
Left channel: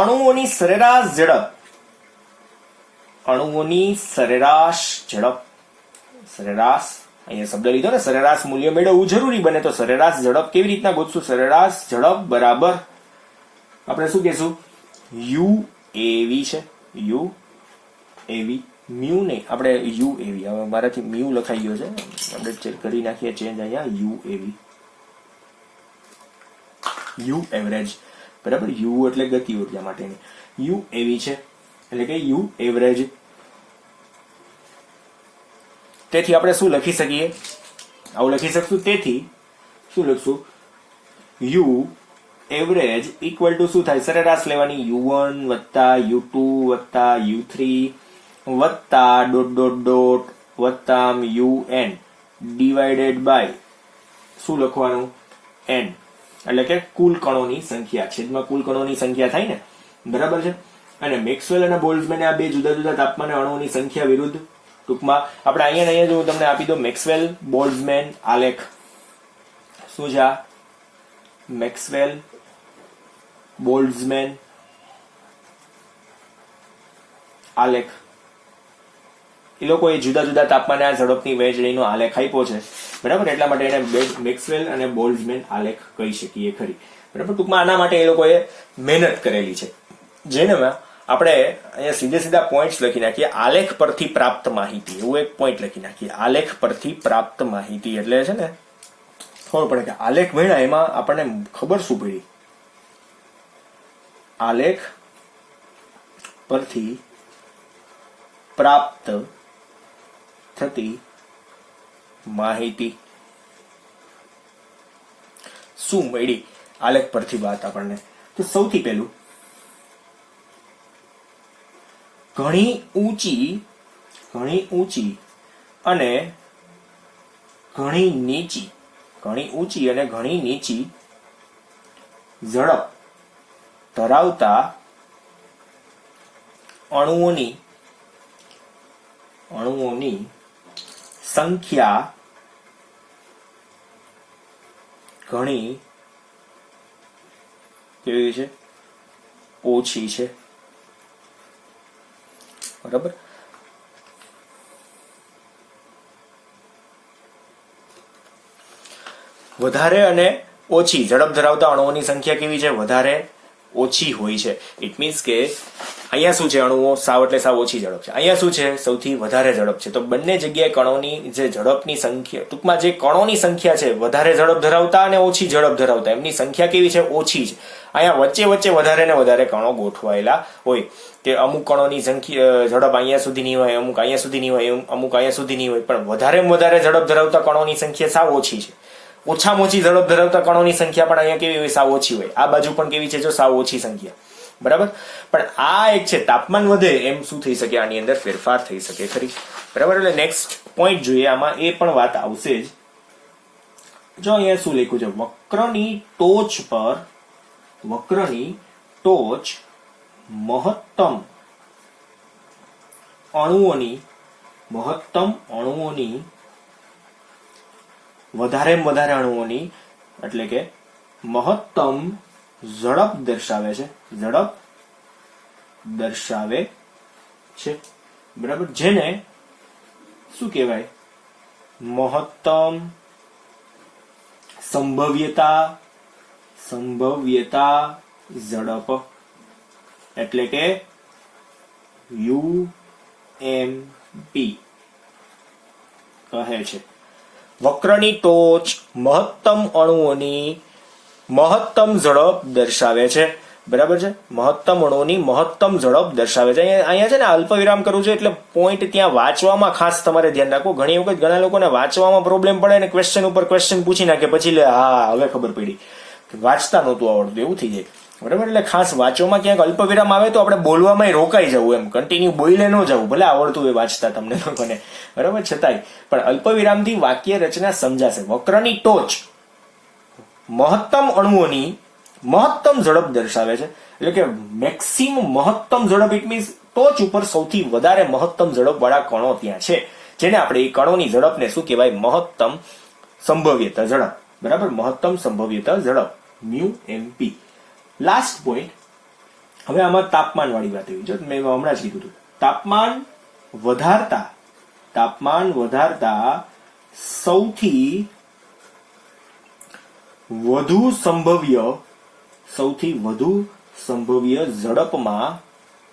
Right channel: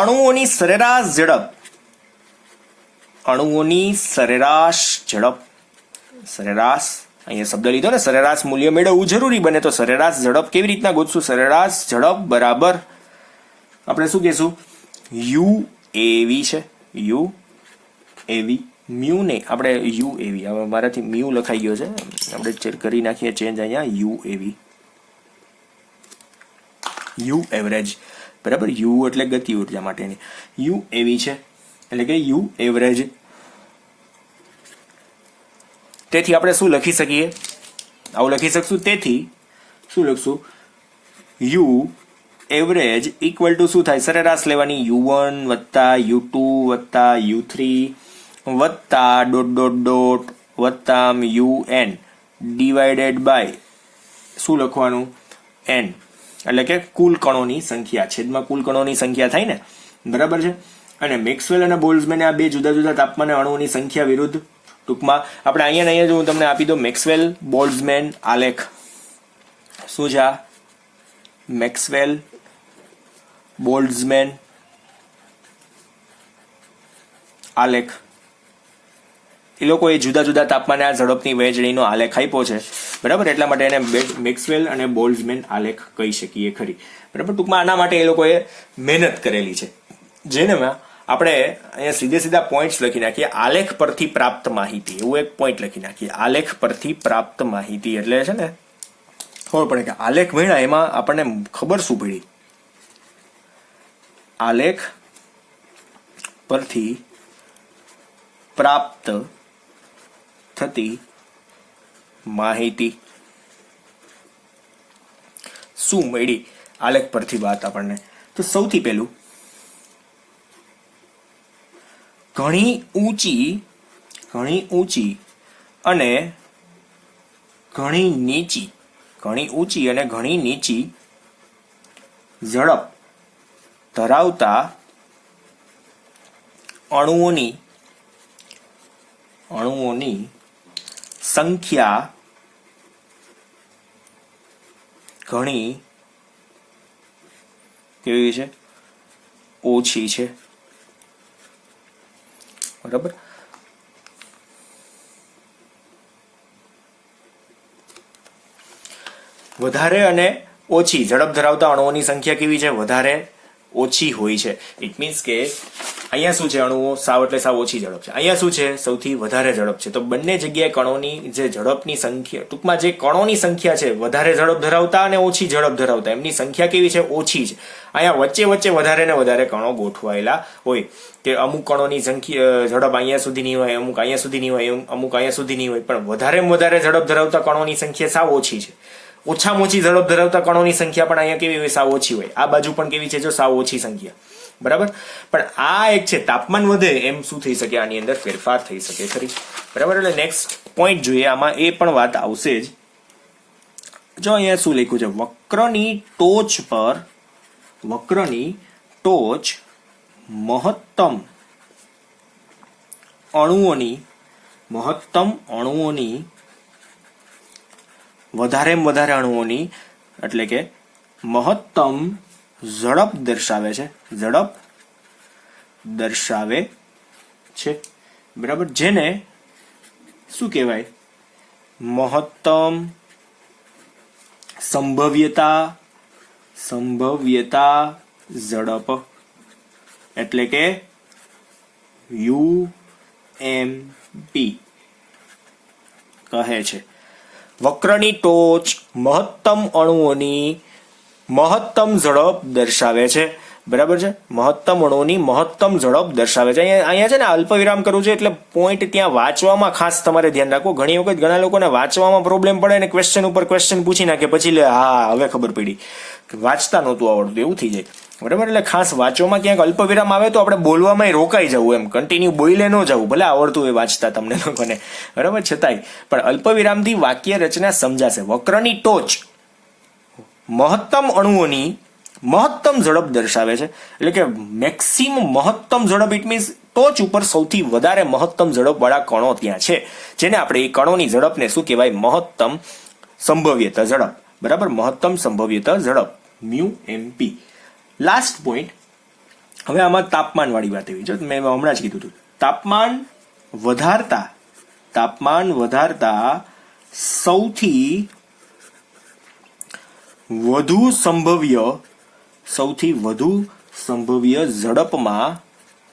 અણુઓની સરેરાશ ઝડપ, અહીંયા શબ્દ લીધો ને, સરેરાશ મૂલ્ય મેળવવું જરૂરી બને. તો સરેરાશ ઝડપ કેવી રીતના ગોતશું? સરેરાશ ઝડપ બરાબર આપણે શું કહેશું? uav છે. uav, મ્યુ નહીં, આપણે uav, હવે મારાથી મ્યુ લખાઈ ગયો છે, આપણે કરી નાખીએ ચેન્જ અહીંયા. u એવરેજ, બરાબર. u એટલે ગતિ ઉર્જા માટેની, uav છે, એટલે કે u એવરેજ. તેથી આપણે શું લખી શકીએ? આવું લખી શકશું. તેથી શું લખશું? u એવરેજ ઇક્વલ ટુ શું થાય? સરેરાશ લેવાની, u1 વત્તા u2 વત્તા u3 વત્તા ... વત્તા un ડિવાઇડેડ બાય શું લખવાનું? n, એટલે કે કુલ કણોની સંખ્યા, છેદમાં કુલ કણોની સંખ્યા થાય ને, બરાબર છે. અને મેક્સવેલ અને બોલ્ટ્ઝમેને આ બે જુદા જુદા તાપમાને અણુઓની સંખ્યા વિરુદ્ધ, ટૂંકમાં આપણે અહીંયા જો હું તમને આપી દો મેક્સવેલ બોલ્ટ્ઝમેન આલેખ. શું છે આ? મેક્સવેલ બોલ્ટ્ઝમેન આલેખ. એ લોકોએ જુદા જુદા તાપમાને આ ઝડપની વહેંચણીનો આલેખ આપ્યો છે, બરાબર. એટલા માટે એને મેક્સવેલ અને બોલ્ટ્ઝમેન આલેખ કહી શકીએ ખરી, બરાબર. ટૂંકમાં આના માટે એ લોકોએ મહેનત કરેલી છે, જેનામાં આપણે અહીંયા સીધા પોઈન્ટ્સ લખી નાખીએ. આલેખ પરથી પ્રાપ્ત માહિતી, એવું એક પોઈન્ટ લખી નાખીએ. આલેખ પરથી પ્રાપ્ત માહિતી એટલે છે ને ખબર પડે કે આલેખ ભણ્યા એમાં આપણને ખબર શું પડી? આલેખ પરથી પ્રાપ્ત થતી માહિતી શું મળી આલેખ પરથી વાત આપણને? તો સૌથી પહેલું, ઘણી ઊંચી અને ઘણી નીચી ઝડપ ધરાવતા અણુઓની સંખ્યા ઘણી કેવી છે? ઓછી છે. બરાબર. વધારે અને ઓછી ઝડપ ધરાવતા અણુઓની સંખ્યા કેવી છે? વધારે ઓછી હોય છે. ઇટ મીન્સ કે અહીંયા શું છે? અણુઓ સાવ એટલે સાવ ઓછી ઝડપ છે. અહીંયા શું છે? સૌથી વધારે ઝડપ છે. તો બંને જગ્યાએ કણોની જે ઝડપની સંખ્યા, ટૂંકમાં જે કણોની સંખ્યા છે વધારે ઝડપ ધરાવતા અને ઓછી ઝડપ ધરાવતા, એમની સંખ્યા કેવી છે? ઓછી છે. અહીંયા વચ્ચે વચ્ચે વધારે ને વધારે કણો ગોઠવાયેલા હોય કે અમુક કણોની સંખ્યા ઝડપ અહીંયા સુધીની હોય, અમુક અહીંયા સુધીની હોય, અમુક અહીંયા સુધીની હોય, પણ વધારેમાં વધારે ઝડપ ધરાવતા કણોની સંખ્યા સાવ ઓછી છે. ઓછામાં ઓછી ઝડપ ધરાવતા કણોની સંખ્યા પણ અહીંયા કેવી હોય? સાવ ઓછી હોય. આ બાજુ પણ કેવી છે? જો સાવ ઓછી સંખ્યા. બરાબર. પણ આ એક છે, તાપમાન વધે એમ શું થઈ શકે? આની અંદર ફેરફાર થઈ શકે ખરી. બરાબર. એટલે નેક્સ્ટ પોઈન્ટ જોઈએ, આમાં એ પણ વાત આવશે જ. જો અહીંયા શું લખ્યું છે? વક્રની ટોચ મહત્તમ અણુઓની વધારેમાં વધારે અણુઓની એટલે કે મહત્તમ ઝડપ દર્શાવે છે. બરાબર. જેને શું કહેવાય? મહત્તમ સંભવ્યતા ઝડપ એટલે કે UMP કહે છે. વક્રની ટોચ મહત્તમ અણુઓની મહત્તમ ઝડપ દર્શાવે છે. બરાબર છે. મહત્તમ અણુઓની મહત્તમ ઝડપ દર્શાવે છે. અહીંયા છે ને અલ્પવિરામ કરવું છે, એટલે પોઈન્ટ ત્યાં વાંચવામાં ખાસ તમારે ધ્યાન રાખવું. ઘણી વખત ઘણા લોકોને વાંચવામાં પ્રોબ્લેમ પડે ને ક્વેશ્ચન ઉપર ક્વેશ્ચન પૂછી નાખે, પછી હા હવે ખબર પડી, વાંચતા નહોતું આવડતું, એવું થઈ જાય. બરાબર. એટલે ખાસ વાંચવામાં ક્યાંક અલ્પવિરામ આવે તો આપણે બોલવામાં રોકાઈ જવું, એમ કન્ટિન્યુ બોલે ન જવું, ભલે આવડતું હોય વાંચતા તમને લોકોને. બરાબર. છતાંય પણ અલ્પવિરામથી વાક્ય રચના સમજાશે. વક્રની ટોચ મહત્તમ અણુઓની મહત્તમ ઝડપ દર્શાવે છે, એટલે કે મેક્સિમમ મહત્તમ ઝડપ. ઇટ મીન્સ ટોચ ઉપર સૌથી વધારે મહત્તમ ઝડપ વાળા કણો ત્યાં છે, જેને આપણે એ કણોની ઝડપને શું કહેવાય? મહત્તમ સંભવ્યતા ઝડપ. બરાબર. મહત્તમ સંભવ્યતા ઝડપ MUMP. Last point. હવે આમાં તાપમાન વાળી વાત એવી છે, મેં હમણાં જ કીધું હતું, તાપમાન વધારતા સૌથી વધુ સંભવ્ય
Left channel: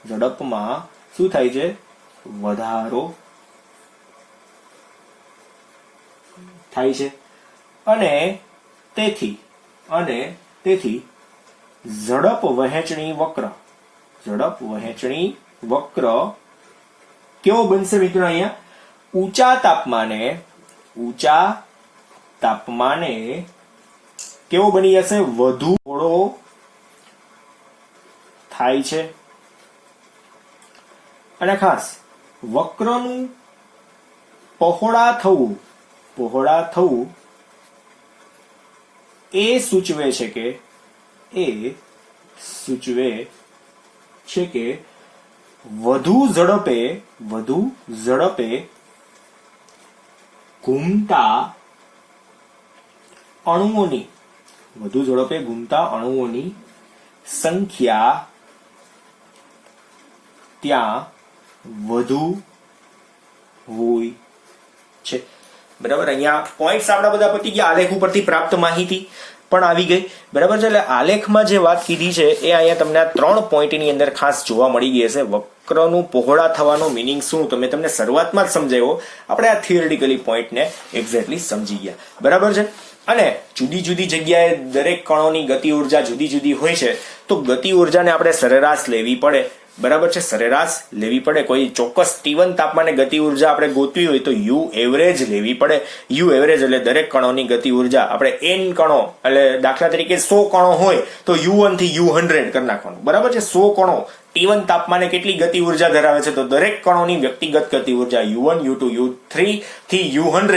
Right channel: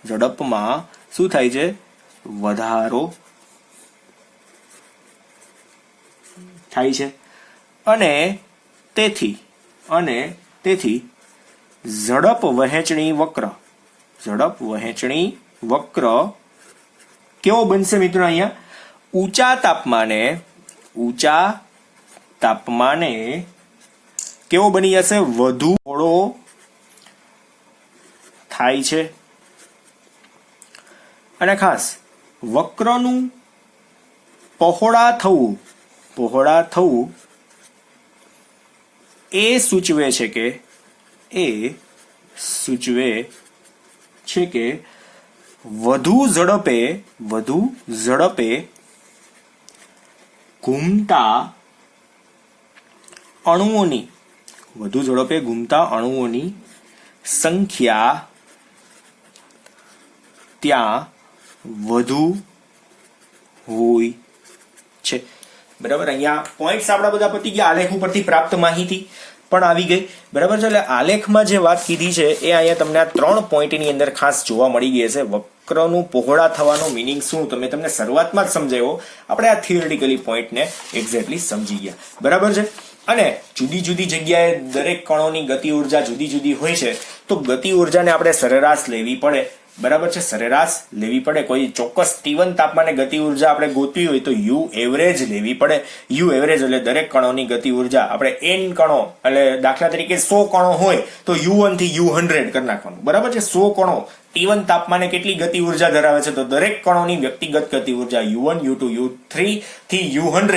ઝડપમાં શું થાય છે? વધારો થાય છે. અને તેથી ઝડપ વહેંચણી વક્ર કેવો બનશે મિત્રો? અહીંયા ઊંચા તાપમાને કેવો બની જશે? વધુ પહોળો થાય છે. અને ખાસ વક્રનું પહોળા થવું એ સૂચવે છે કે વધુ ઝડપે ઘૂમતા અણુઓની સંખ્યા ત્યાં વધુ હોય છે. બરાબર. અહીંયા પોઈન્ટ્સ આપણા બધા પતી ગયા. આલેખ ઉપરથી પ્રાપ્ત માહિતી પણ આવી ગઈ. બરાબર છે. એટલે આલેખમાં જે વાત કીધી છે એ અહીંયા તમને આ 3 પોઈન્ટની અંદર ખાસ જોવા મળી ગઈ હશે. વક્રનું પહોળા થવાનો મિનિંગ શું, તો મેં તમને શરૂઆતમાં જ સમજાવ્યો. આપણે આ થિયરિટિકલી પોઈન્ટને એક્ઝેક્ટલી સમજી ગયા. બરાબર છે. અને જુદી જુદી જગ્યાએ દરેક કણોની ગતિ ઉર્જા જુદી જુદી હોય છે, તો ગતિ ઉર્જાને આપણે સરેરાશ લેવી પડે. બરાબર છે. સરેરાશ લેવી પડે. કોઈ ચોક્કસ T1 તાપમાને ગતિ ઉર્જા આપણે ગોતવી હોય તો U એવરેજ લેવી પડે. U એવરેજ એટલે દરેક કણોની ગતિ ઉર્જા આપણે n કણો, એટલે દાખલા તરીકે 100 કણો હોય તો U1 થી U100 કરી નાખવાનું. બરાબર છે. 100 કણો T1 તાપમાને કેટલી ગતિ ઉર્જા ધરાવે છે, તો દરેક કણોની વ્યક્તિગત ગતિ ઉર્જા U1, U2, U3 થી U100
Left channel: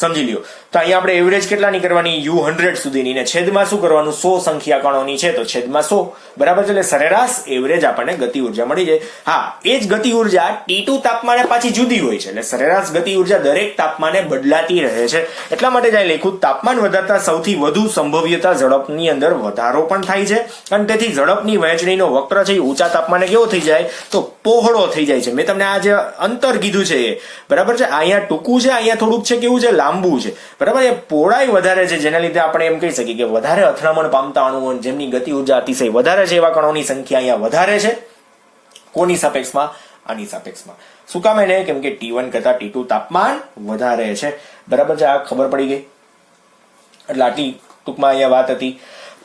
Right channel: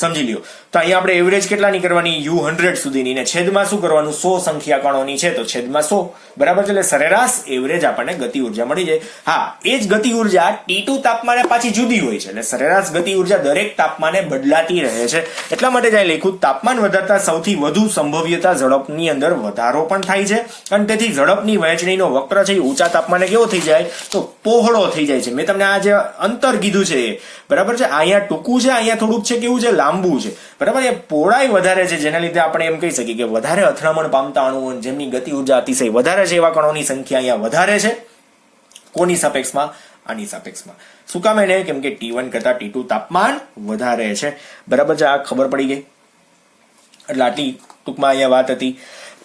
સમજી લ્યો. તો અહીંયા આપણે એવરેજ કેટલાની કરવાની? U100 સુધીની, ને છેદમાં શું કરવાનું? 100 સંખ્યા કણોની છે તો છેદમાં 100, બરાબર છે. એટલે સરેરાશ એવરેજ આપણને ગતિ ઉર્જા મળી જાય. હા, એ જ ગતિ ઉર્જા T2 તાપમાને પાછી જુદી હોય છે, એટલે સરેરાશ ગતિ ઉર્જા દરેક તાપમાને બદલાતી રહે છે. એટલા માટે જ લખ્યું તાપમાન વધતા સૌથી વધુ સંભવ્યતા ઝડપની અંદર વધારો પણ થાય છે, અને તેથી ઝડપની વહેંચણીનો વક્ર છે એ ઊંચા તાપમાને કેવો થઈ જાય? તો પહોળો થઈ જાય છે. મેં તમને આ જે અંતર કીધું છે એ, બરાબર છે, અહીંયા ટૂંકું છે, અહીંયા થોડુંક છે કેવું છે? લાંબુ છે, બરાબર. એ પહોળાઈ વધારે છે, જેના લીધે આપણે એમ કહી શકીએ કે વધારે અથડામણ પામતા અણુઓ જેમની ગતિ ઉર્જા અતિશય વધારે છે એવા કણોની સંખ્યા અહીંયા વધારે છે. કોની સાપેક્ષમાં? આની સાપેક્ષમાં. શું કામ એને? કેમ કે T1 કરતા T2 તાપમાન વધારે છે, બરાબર છે. આ ખબર પડી ગઈ. એટલે આટલી ટૂંકમાં અહીંયા વાત હતી.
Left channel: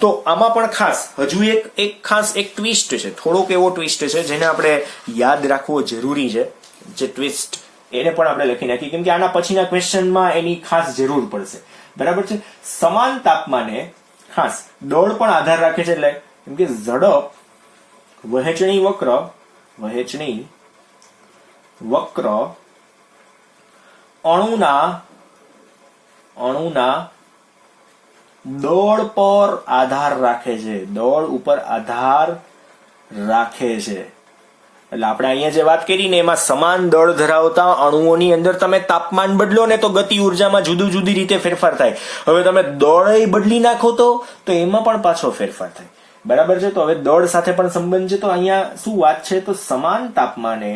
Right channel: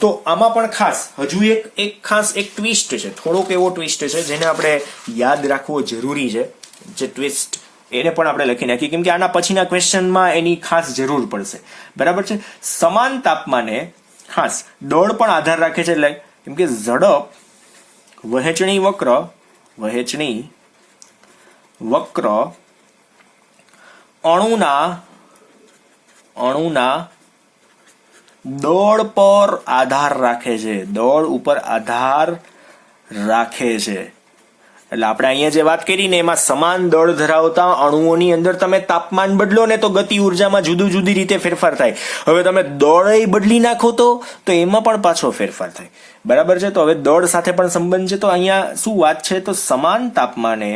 તો આમાં પણ ખાસ હજુ એક ટ્વિસ્ટ છે, થોડોક એવો ટ્વિસ્ટ છે જેને આપણે યાદ રાખવો જરૂરી છે. જે ટ્વિસ્ટ એને પણ આપણે લખી નાખીએ, કેમ કે આના પછીના ક્વેશ્ચનમાં એની ખાસ જરૂર પડશે, બરાબર છે. સમાન તાપમાને ખાસ દળ પણ આધાર રાખે છે, એટલે કેમ કે ઝડપ વહેંચણી વક્ર અણુના દળ પર આધાર રાખે છે, દળ ઉપર આધાર રાખે છે. એટલે આપણે અહીંયા જે વાત કરી ને એમાં સમાન દળ ધરાવતા અણુઓની અંદર તમે તાપમાન બદલો ને તો ગતિ ઉર્જામાં જુદી રીતે ફેરફાર થાય. હવે તમે દળ બદલી નાખો તો એમાં પણ પાછો ફેરફાર થાય, બરાબર છે. તો હવે દળ સાથે પણ સંબંધ છે. તો અહીંયા શું વાત છે? તો સમાન તાપમાને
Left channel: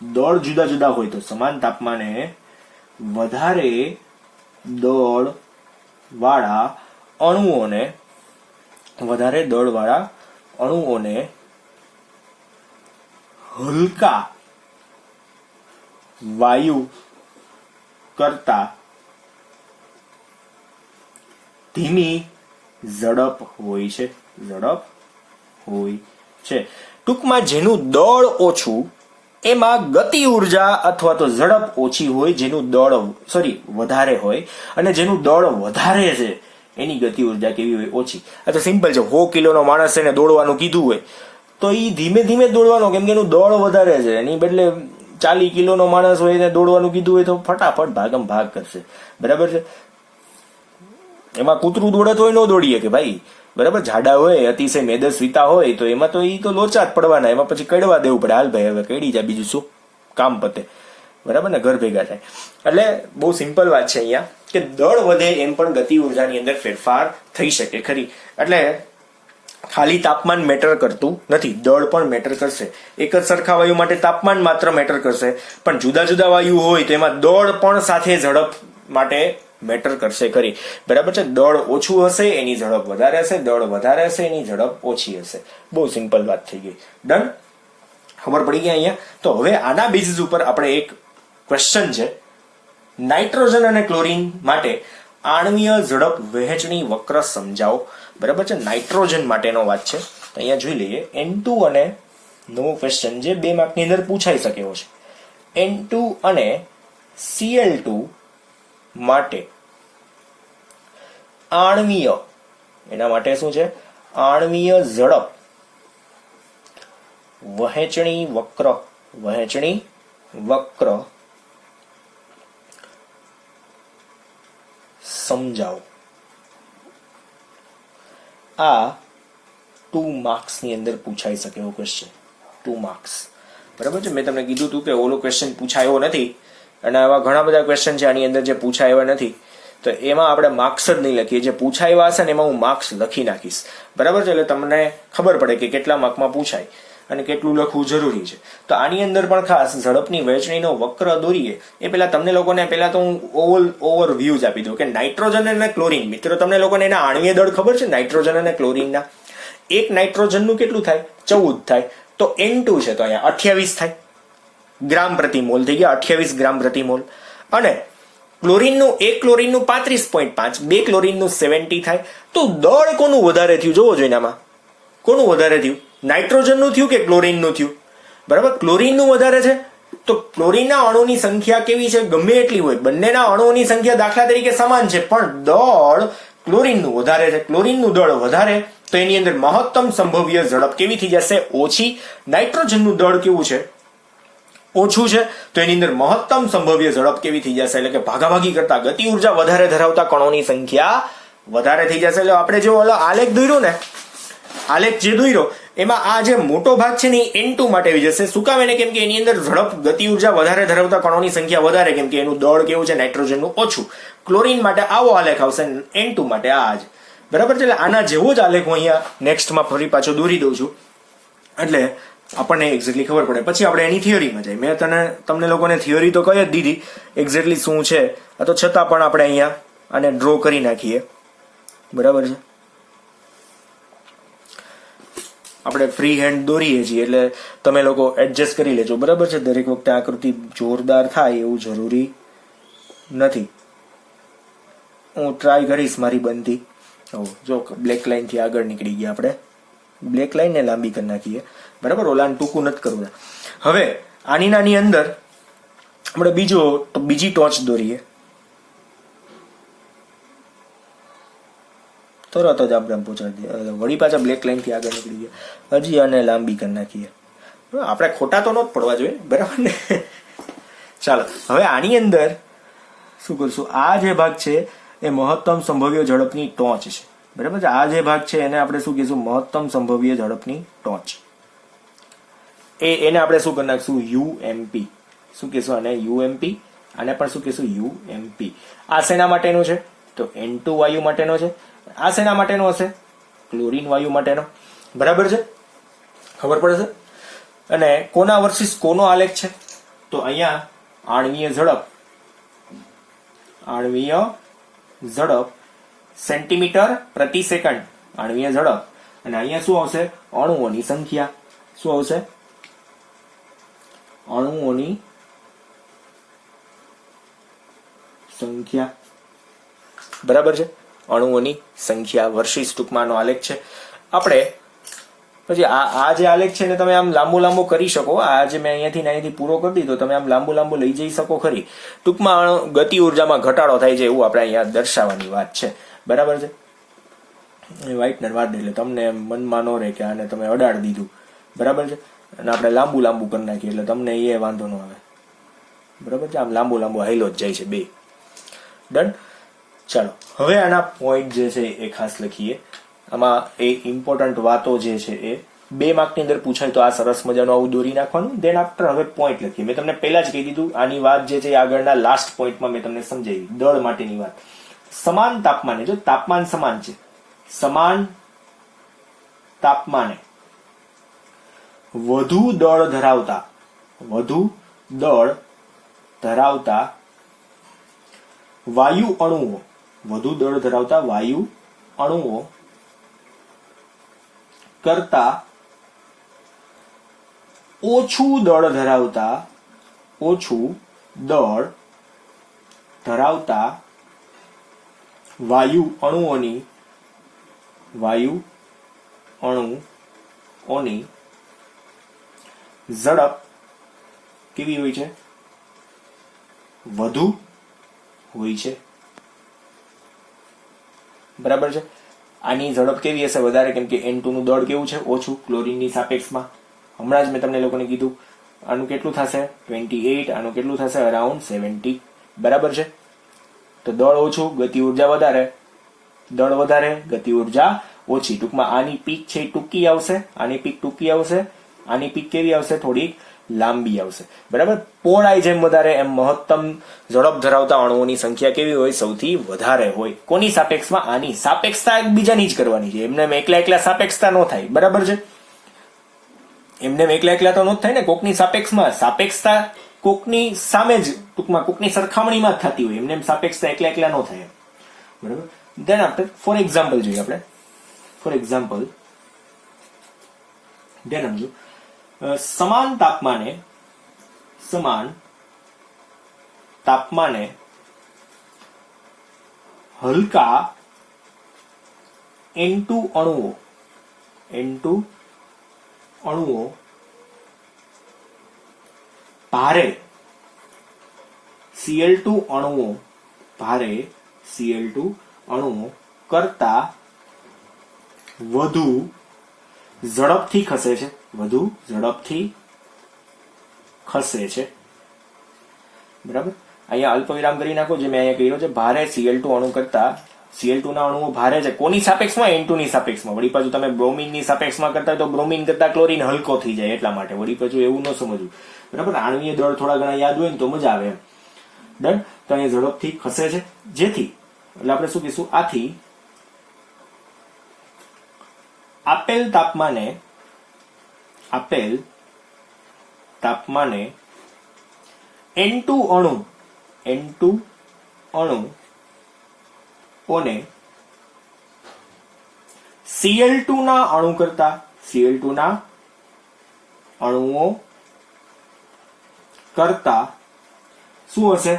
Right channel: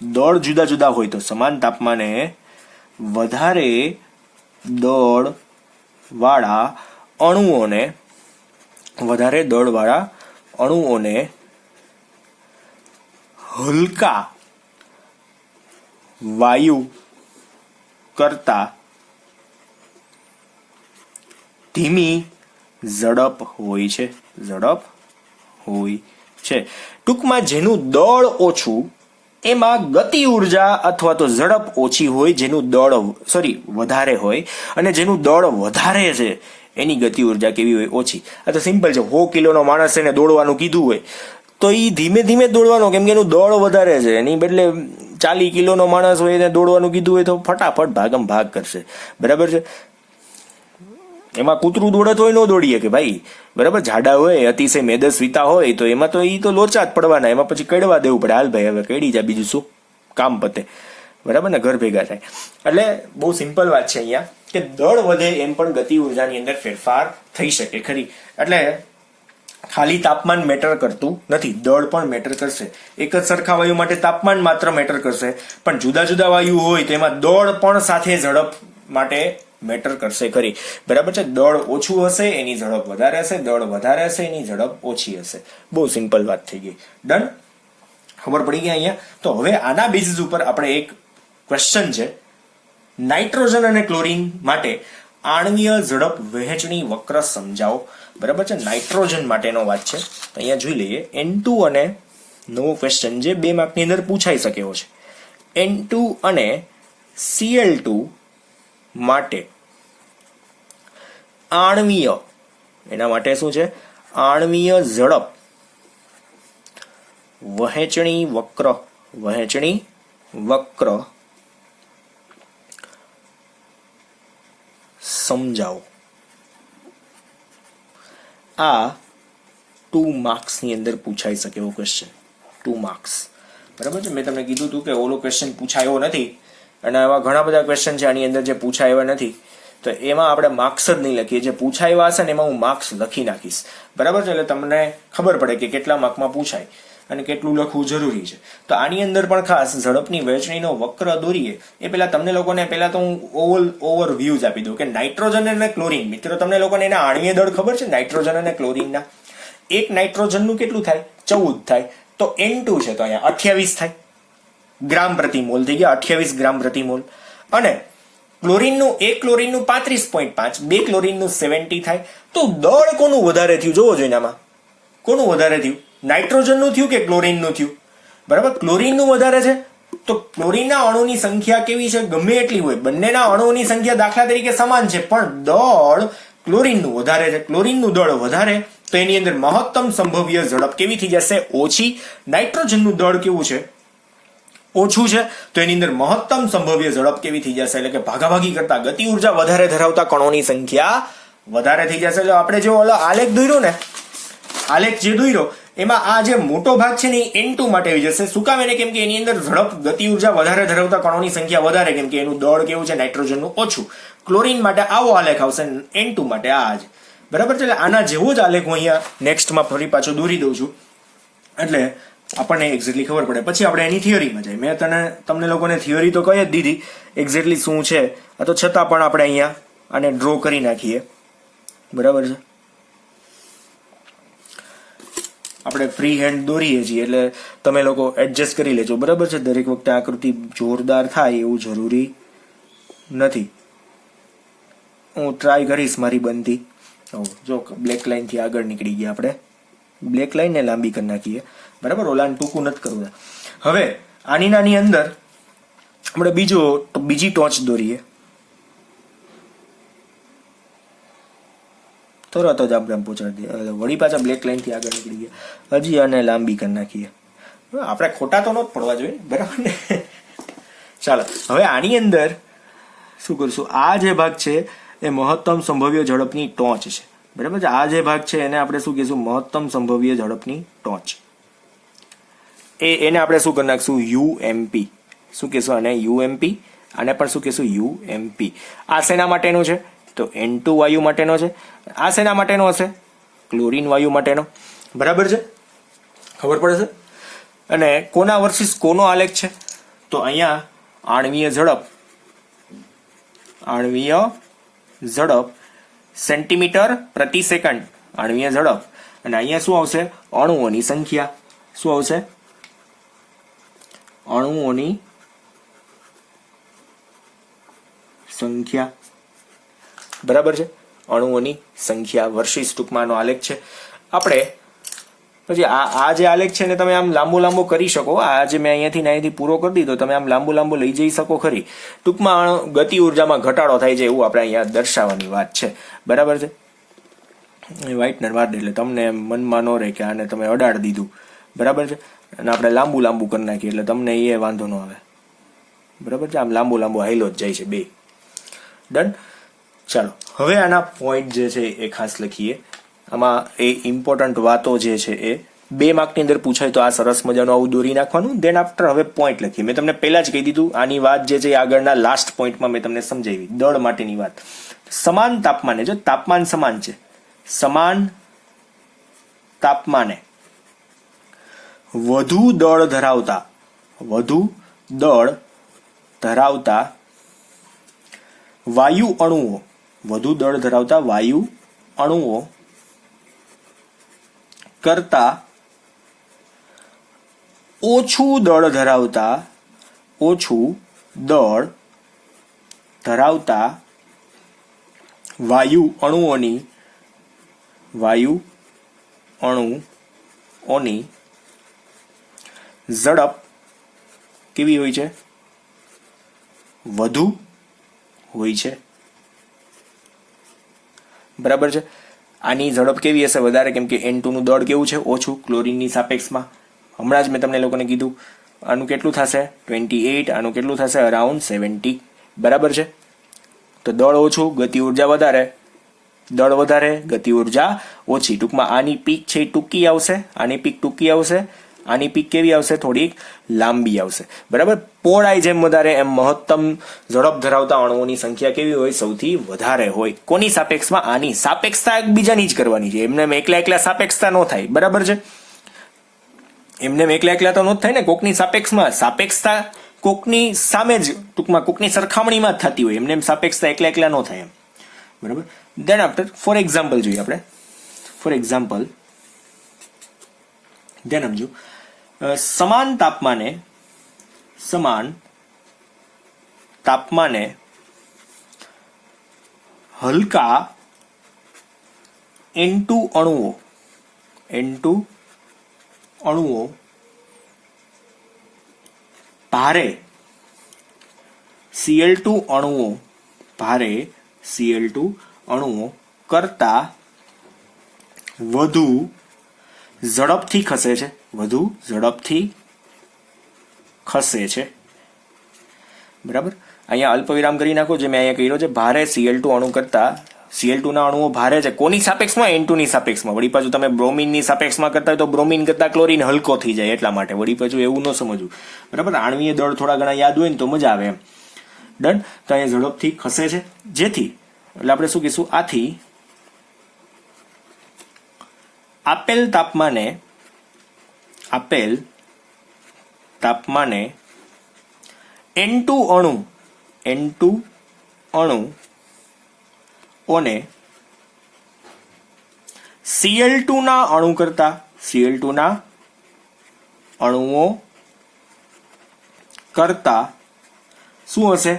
દળ જુદા હોય તો સમાન તાપમાને વધારે દળ વાળા અણુઓને હલકા વાયુ કરતા ધીમી ઝડપ હોય છે. ટૂંકમાં જેનું દળ ઓછું એમાં ગતિ ઉર્જા અથવા તો ઝડપ ઓછી હોય, જેનું દળ વધારે હોય, અને જેનું દળ વધારે છે એની ગતિ ઉર્જા કેવી હોય? ઓછી. આ તો સિમ્પલ છે. 100 કિલોનો માણસ એને દોડવાનું કીધું હોય તો એ ધીમે દોડવાનો, કેમ કે એનું દળ વધારે છે. એની બદલે 40 કિલોનો માણસ હોય એને દોડવાનું કીધું હોય તો ફટાફટ ભાગ કરશે, બરાબર છે. એમાં કૂતરું દોડત હોય ન દોડીએ કે ભાઈ, બરાબર. જાડા હોય, અતિશય મેદસ્વીતા હોય તો એમાં તો લોચા જ પડવાના, એમાં પછી કડવા દેવું પડે. હાલ ભાઈ હવે કડી જાય, બીજું શું, કામ પતે, બરાબર ને, ઘર ભેગા થાય. એટલે બહુ સિમ્પલ વાત છે અહીંયા કે દળ વધે એમ પણ ગતિ ઉર્જાની અંદર ફેરફાર થઈ શકે ખરી. એટલે ખાલી તાપમાન મેટર કરતું નથી, દળ પણ મેટર કરશે. એક જ સરખા વાયુ માટે તાપમાન માત્ર મેટર કરશે, પણ જુદા વાયુ હોય તો એમાં દળ પણ સાથે ઝડપ માટે મેટર કરશે ખરી, બરાબર છે. દળ ઓછું હશે એની ઝડપ વધારે હશે, દળ વધારે હશે એની ઝડપ ઓછી હશે. બહુ સિમ્પલ વાત થઈ ગઈ. ડન, ખબર પડી ગઈ અહીંયા. તો હવે આના બેઝિસ ઉપર આપણે એક ક્વેશ્ચન છે, નાઇટ્રોજન અને ક્લોરીન માટે આણ્વીય ઝડપ વહેંચણી વક્ર સમજાવો, બરાબર છે. નાઇટ્રોજન માટેનો વાત છે. અહીંયા જોઈ લઈએ. N2 અને નવો ક્વેશ્ચન જે 2 માર્કની અંદર પૂછાઈ શકે એવો છે. N2 અને Cl2 માટે આણ્વીય, એના માટે શું છે? આણ્વીય ઝડપ વહેંચણી વક્ર સમજાવો. આ 2 માર્ક્સ ની અંદર પૂછાઈ શકે એવો ક્વેશ્ચન, 2 માર્ક્સ, બરાબર છે. મેં તમને કીધું હતું કે ઓલો ક્વેશ્ચન પૂછાયો નથી, અને આવા ઘણા બધા ક્વેશ્ચન છે આની અંદર જે પૂછાયા નથી, તો એમાં આપણે માર્ક્સ જ નહીં લખીએ. જે પૂછાયા હશે ને એમાં હું માર્ક્સ લખી નાખીશ, બરાબર છે. એટલે તમને ખબર પડે કે કેટલા માર્કમાં પૂછાય અને કેટલું લખવું જરૂરી છે. તો આની અંદર પણ ખાસ ઝડપની વહેંચણીનો વક્ર દોરીએ એ પહેલા તમને લોકોને તો હું ઓવરવ્યુઝ આપી દઉં કે નાઇટ્રોજન અને ક્લોરીન. મિત્રો તમને લોકોને એના આણ્વીય દળ ખબર છે નાઇટ્રોજન અને ક્લોરીનના? એક નાઇટ્રોજનનું કેટલું થાય? 14 થાય. તો N2 છે તો અહીંયા 28 થાય, ગ્રામ પ્રતિ મોલ થઈ ગયા, 28 ગ્રામ પ્રતિ મોલ. અને ક્લોરીનનું 35.5, 2 ક્લોરીનનું 70 થાય. તો દળ કોનું વધારે થયું જોવો જોઈએ આમાં? કોનું વધારે થયું? નાઇટ્રોજનનું થયું કે ક્લોરીનનું થયું? બરાબર, ક્લોરીનનું વધારે છે. તો ક્લોરીનના અણુની સંખ્યા કેવી છે? ગમે એટલી હોય, બંનેના અણુઓની સંખ્યા દાખલા તરીકે સમાન છે, પણ દળ ક્લોરીનનું વધારે છે. ક્લોરીનનું દળ વધારે તો એની અંદર મહત્તમ સંભવ્ય ઝડપ કેવી થઈ જશે? ઓછી. નાઇટ્રોજનનું દળ કેવું છે? ઓછું છે તો એની અંદર મહત્તમ સંભવ્ય ઝડપ કેવી થઈ જશે, એટલે કે ભાગાભાગી કરતા ગતિ ઉર્જા વધારે ધરાવતા કણોની સંખ્યા વધારે થઈ જશે. એટલે આપણે જો ઓલો આલેખ દોર્યો ને, આલેખ જે દોર્યો એમાં આ જે મોટો ભાગ છે ને એ N2 માટે આવી જશે. શું કામ? એને કેમ કે એની અંદર ઝડપ ગતિ ઉર્જા વધારે ધરાવતા કણોની સંખ્યા વધારે, કેમ કે એનું દળ કેવું છે નાઇટ્રોજનનું ઓછું. ક્લોરીન માટે આવો આલેખ આવશે, N2 માટે આ જ. બરાબર છે. એટલે આના જેવો જ આલેખ હું અહીંયા નેક્સ્ટમાં ફરી પાછો દોરી દઉં છું, એટલે આપણને એક્ઝેક્ટલી ખબર પડે. પછી આપણે એની થિયરીમાં જઈએ. મેં તમને લોકોને થિયરી તો કહી જ દીધી એક્ઝેક્ટલી શું છે, તો છતાં પણ આપણે અહીંયા આને ડ્રો કરી નાખીએ. બરાબર છે. આપણે ફ્રી હેન્ડ દોરીએ છીએ એટલે તમે લોકો એડજસ્ટ કરી લેજો. બરાબર છે. દરેક વખતે આકૃતિ જોરદાર થાય એવું જરૂરી નથી. હું ટ્રાય કરીશ મારી બનતી. જો બ્લેક લાઈન થી આગળ નીકળી ગયા આપણે. બ્લેક લાઈન ને લાંબી કરી નાખીએ. બરાબર. ઓલાને ટૂંકું નથી કરવું. હવે આની અંદર આપણે બીજી ટોચ દોરીએ. તરત જ આપણે પહોંચાડી દઈએ. વળી પાછા બ્લેક લાઈન થી આગળ નીકળી ગયા. હજી આને લાંબી કરી નાખીએ. આપણે ખોટા તો ન જ પડવા જોઈએ. બરાબર ને? ચાલો હવે આની અંદર શું કરશું? આ જે ભાગ છે એ મહત્તમ સંભવ્ય ઝડપની ટોચ છે. બરાબર છે. આ જે ભાગ છે એને આપણે શું કહીશું? મહત્તમ સંભવ્ય ઝડપની ટોચ. એને આપણે શું કરી નાખશું? UMP. શું કહીશું? અને UMP. આને પણ શું કહીશું? UMP. આ શેના માટેનું છે? તો N2 વાયુ માટેનો છે. આ શેના માટેનો હશે? ક્લોરીન વાયુ માટેનો. બરાબર છે. ખબર પડે છે. અને કોના વર્સિસ કોનો આલેખ છે? તો અહીંયા આણ્વીય ઝડપ સેન્ટીમીટર પ્રતિ સેકન્ડ આણ્વીય ઝડપ. અને અહીંયા શું આવશે? અણુઓની સંખ્યા. શું આવશે? અણુઓની સંખ્યા. બરાબર છે. અણુઓની સંખ્યા વર્સિસ ટૂંકમાંનો આલેખ છે. આપણે પછી આ જે આલેખ છે ને તમે આમ લાંબો કરી શકો. આ જે મેં અહીંયાથી પૂરો કરી દીધો, તમે આમ લાંબો લઈ જઈ શકો ખરી. ટૂંકમાં ગતિ ઉર્જામાં ઘટાડો થાય છે એવું આપણે અહીંયા દર્શાવવાની વાત છે. બરાબર છે. વ્હાઇટનર વાર એટલે તમને મનમાં ન રહે કે આને તમે અડાડી દીધું. બરાબર છે. અને આપણે લાંબુ કરી નાખીએ એટલે તમને એ વાંધો ન આવે. બરાબર છે. આમ લાંબો હાઈલો જ જાય છે બે. ડન. ચાલો હવે આના પોઈન્ટ જે છે એ ખાસ લખીએ. આમાં એ ઇમ્પોર્ટન્ટ વાતો જે છે એ 2 માર્કની અંદર પૂછાય તો આ સરસ મજાનું આવું દોરી નાખવાનું. દેન આફ્ટર હવે પોઈન્ટ લખીએ. મેં તમને પહેલા જ કહી દીધું આની વાત જે છે આગળના લાસ્ટ પોઈન્ટમાં મેં તમને સમજાવી દળ માટેની વાત. સમાન તાપમાને, જો તાપમાન સમાન છે, સમાન તાપમાને વધુ દળ ધરાવતા વાયુ અણુઓ કરતા ઓછું દળ ધરાવતા વાયુ અણુઓની ઝડપ કેવી હોય છે? વધુ હોય છે. બરાબર છે. આની ઝડપ કેવી હશે? વધારે, કેમ કે N2 નું દળ કેવું છે? ઓછું ક્લોરીનની સાપેક્ષમાં. હમણાં જ મેં તમને લોકોને કીધું આનું કેટલું થશે? 28. આનું કેટલું થશે? અરાઉન્ડ 70. બરાબર છે. તો દળ ઓછું, ગતિ ઉર્જા વધારે. દળ વધારે, ગતિ ઉર્જા ઓછી. ટૂંકમાં આની પીક છે એ ટૂંકી આવશે, આની પીક ટૂંકી આવશે, આની પીક કેવી આવશે? થોડીક લાંબી આવશે. બરાબર. પહોળાઈ જેમ વધારે એમ મહત્તમ ઝડપ ધરાવતા અણુઓની સંખ્યા કેવી હોય? સૌથી વધારે હોય. કોની સાપેક્ષમાં? આની સાપેક્ષતા એકબીજાની જ કરવાની છે. એમને એકલા સાપેક્ષતા ન થાય. બરાબર છે. એમને એકલા તો ન થાય ને. કોકની સાપેક્ષતા કોકની સામે જ, ટૂંકમાં કોકની સરખામણીમાં જ થતી હોય. એમને સાપેક્ષતા એકલા ન થાય એમ. બરાબર. દેન આફ્ટર ફોર એક્ઝામ્પલ જોઈએ આપણે. ફોર એક્ઝામ્પલ ધ્યાન આપજો. સમાન તાપમાને હલકા N2 અણુઓ ભારે Cl2 અણુઓ કરતા વધુ ઝડપથી ખસે છે. બરાબર, અહીંયા અલ્પવિરામ કરી નાખો. જે મેં અહીંયા કર્યો છે, ભારે Cl2 અણુ કરતા Cl2 ના અણુઓ ભારે છે. કોની સાપેક્ષમાં? N2 ની સાપેક્ષમાં. વળી પાછું તમે બ્રોમિન ની સાપેક્ષમાં કરતા હોય તો બ્રોમિન કરતા ક્લોરીન હલકો થઈ જાય, એટલા માટે. વળી પાછું એવું ન સમજવું. બરાબર, આણ્વીય દળ થોડા ઘણા યાદ હોય ને તો મજા આવે એમ. ડન. તો અહીંયા ઝડપથી ખસે છે, જેથી એટલે આપણે શું કહીશું? આથી આપેલ તાપમાને N2 અણુ ઓને Cl2 ના અણુ કરતા Cl2 ના અણુઓ કરતા શું હશે?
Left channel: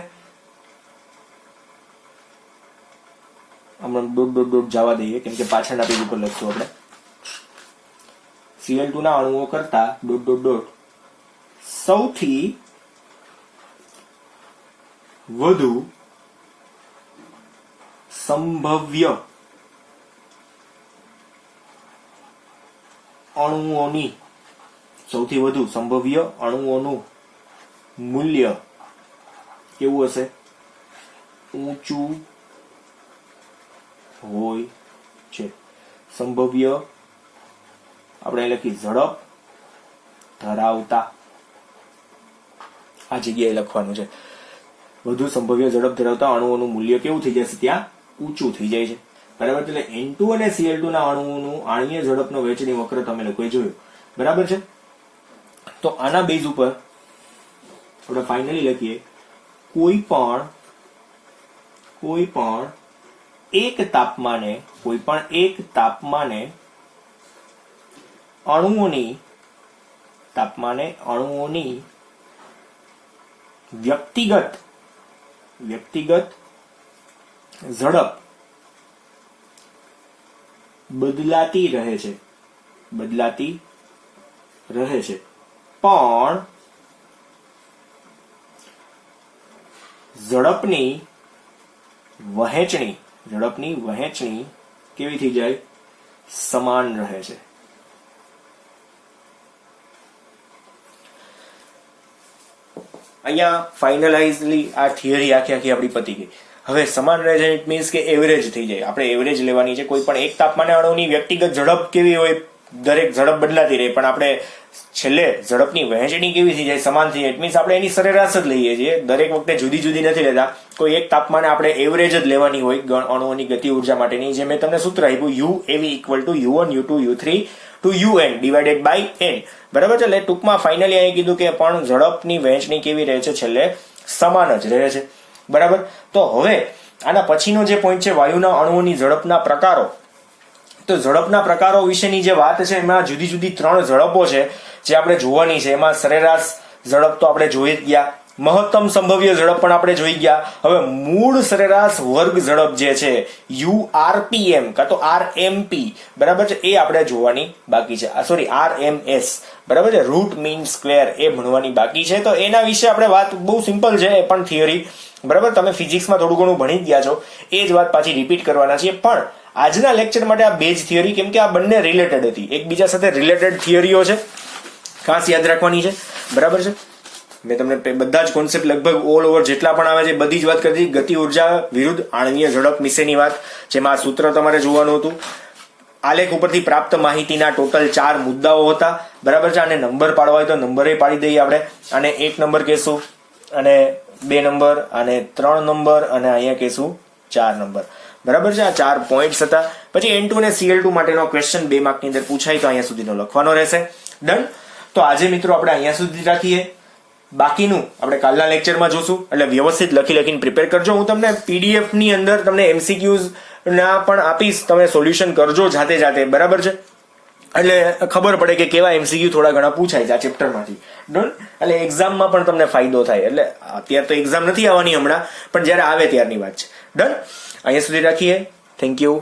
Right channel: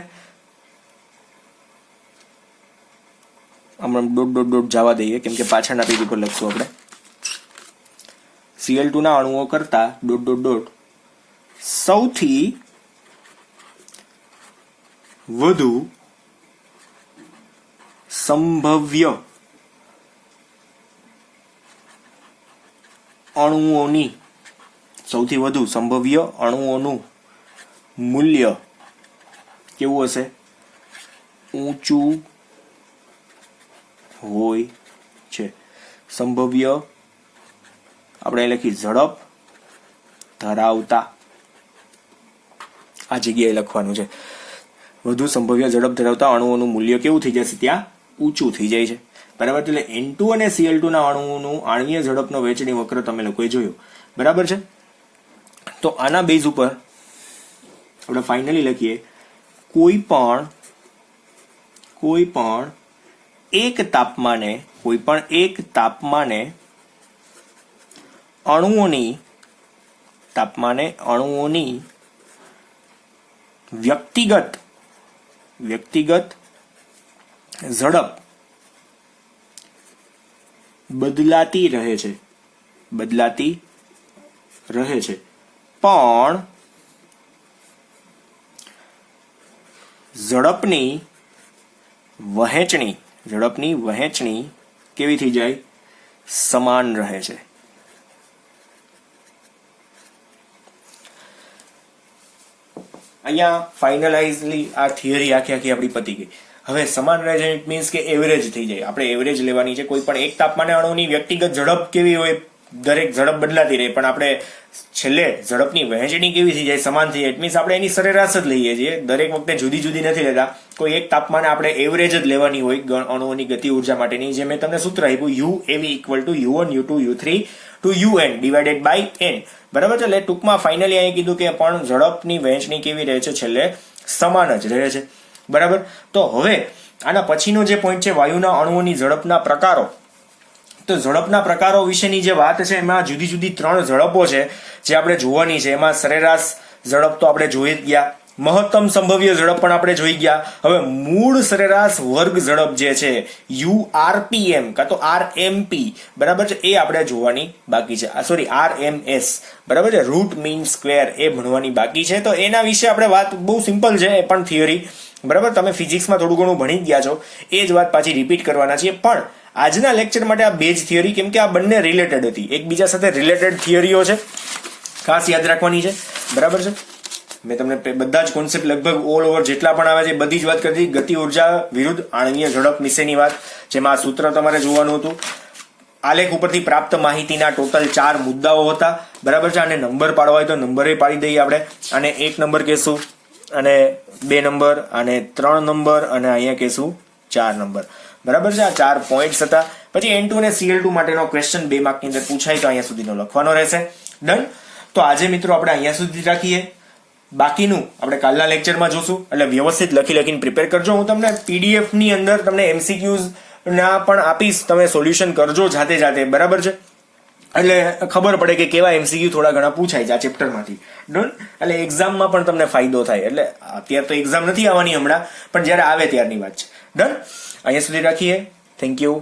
હમણાં ડોટ જવા દઈએ, કેમ કે પાછળના પેજ ઉપર લખશું આપણે. Cl2 ના અણુઓ કરતા ડોટ સૌથી વધુ સંભવ્ય અણુઓનું મૂલ્ય કેવું હશે? ઊંચું હોય છે. સંભવ્ય આપણે લખી ઝડપ ધરાવતા, આ જગ્યાએ લખવાનું છે. વધુ સંભવ્ય ઝડપ ધરાવતા અણુઓનું મૂલ્ય કેવું થઈ જશે? ત્યાં ઊંચું થઈ જાય છે. બરાબર, એટલે N2 અને Cl2 ના અણુઓનું આણ્વીય ઝડપનો વહેંચણી વક્ર તમે લોકોએ જોયું. બરાબર છે. તો આના બેઝ ઉપર આપણે ફાઇનલી લખીએ, કોઈ પણ એક તાપમાને અણુઓની વ્યક્તિગત ઝડપ બદલાતી રહે છે, પણ ઝડપની વહેંચણી કેવી થઈ જાય? સમાન રહે છે. અહીંયા ફાઇનલાઇઝલી આ થિયરી આખી આપણી પતી ગઈ. હવે સમાન રહે છે ઇટ મીન્સ કે એવરેજ થઈ જાય. આપણે એવરેજ લેવાની છે. કોઈ પણ એક તાપમાને અણુની વ્યક્તિગત ઝડપ કેવી હોય? દરેક ઝડપ બદલાતી રહે, પણ આપણે છેલ્લે ઝડપની વહેંચણી કેવી થઈ જાય? સમાન થઈ જાય. ઇટ મીન્સ આપણે એની સરેરાશ જ લઈએ છીએ. દરેક વખતે જુદી નથી લેતા. કોઈ એક તાપમાને આપણે એવરેજ જ લેવાની હોય અણુઓની ગતિ ઉર્જા માટેની. જે મેં તમને સૂત્ર આપ્યું, UAV = U1 U2 U3 to UN / n. બરાબર છે. એટલે ટૂંકમાં ફાઇનલી અહીં કીધું કે પણ ઝડપની વહેંચણી કેવી રહે છે? છેલ્લે સમાન જ રહે છે. બરાબર. તો હવે આના પછીનો જે પોઈન્ટ છે, વાયુના અણુઓની ઝડપના પ્રકારો. તો ઝડપના પ્રકારો વિશેની જે વાત છે, એમાં જુદી 3 ઝડપો છે જે આપણે જોવાની છે. એમાં સરેરાશ ઝડપ તો આપણે જોઈ જ ગયા, મહત્તમ સંભવ્ય ઝડપ પણ આપણે જોઈ ગયા. હવે મૂળ સરેરાશ વર્ગ ઝડપ જે છે URPM કાં તો RMP, બરાબર છે, એ આપણે જોવાની બાકી છે. સોરી, RMS, બરાબર છે, રૂટ મીન સ્ક્વેર, એ ભણવાની બાકી છે. તો એના વિશે આપણે વાત બહુ સિમ્પલ છે, એ પણ થિયરી. બરાબર, તમે ફિઝિક્સમાં થોડું ઘણું ભણી જ ગયા છો. એ જ વાત પાછી રિપીટ કરવાના છીએ. પણ આજના લેક્ચર માટે આ બેઝ થિયરી, કેમ કે આ બંને રિલેટેડ હતી, એકબીજા સાથે રિલેટેડ થિયરીઓ છે, ખાસ યાદ રાખવાની છે. બરાબર છે. મેં તમને બધા જ કોન્સેપ્ટ લગભગ ઓલ ઓવર જેટલા પણ આવે છે બધી જ વાત કરી હતી. ગતિ ઉર્જા વિરુદ્ધ આણ્વીય ઝડપ વિશેની વાત, જેમાં આ સૂત્ર તમારે જોવાનું હતું. આલેખ ઉપરથી પ્રાપ્ત માહિતીના ટોટલ 4 મુદ્દાઓ હતા. બરાબર છે. અને નંબર પાડવા હોય તો નંબરે પાડી દઈએ આપણે. અને 1 નંબર કહેશું, અને 2 નંબર, અને 3 નંબર, અને અહીંયા કહેશું 4 નંબર. બરાબર છે. આ 4 પોઈન્ટ્સ હતા. પછી N2 અને Cl2 માટેનો ક્વેશ્ચન 2 માર્કની અંદર પૂછાય તો અહીંયા સુધીનો લખવાનો રહેશે. ડન. તો આજે મિત્રો આપણે અહીંયા સુધી રાખીએ. બાકીનું આપણે કાલના લેક્ચરમાં જોશું. એટલે વ્યવસ્થિત લખીને પ્રિપેર કરજો. હું તમને PDF ની અંદર તમને MCQs ના પણ આપીશ, તમે સોલ્યુશન કરજો જાતે. બરાબર છે. એટલે ખબર પડે કે કેવા MCQ થોડા ઘણા પૂછાય છે આ ચેપ્ટરમાંથી. ડન. એટલે એક્ઝામમાં પણ તમને ફાયદો થાય. એટલે અત્યારે તો એક્ઝામ નથી આવવાની હમણાં, પણ જ્યારે આવે ત્યારની વાત છે. ડન. અહીંયા સુધી રાખીએ. Thank you.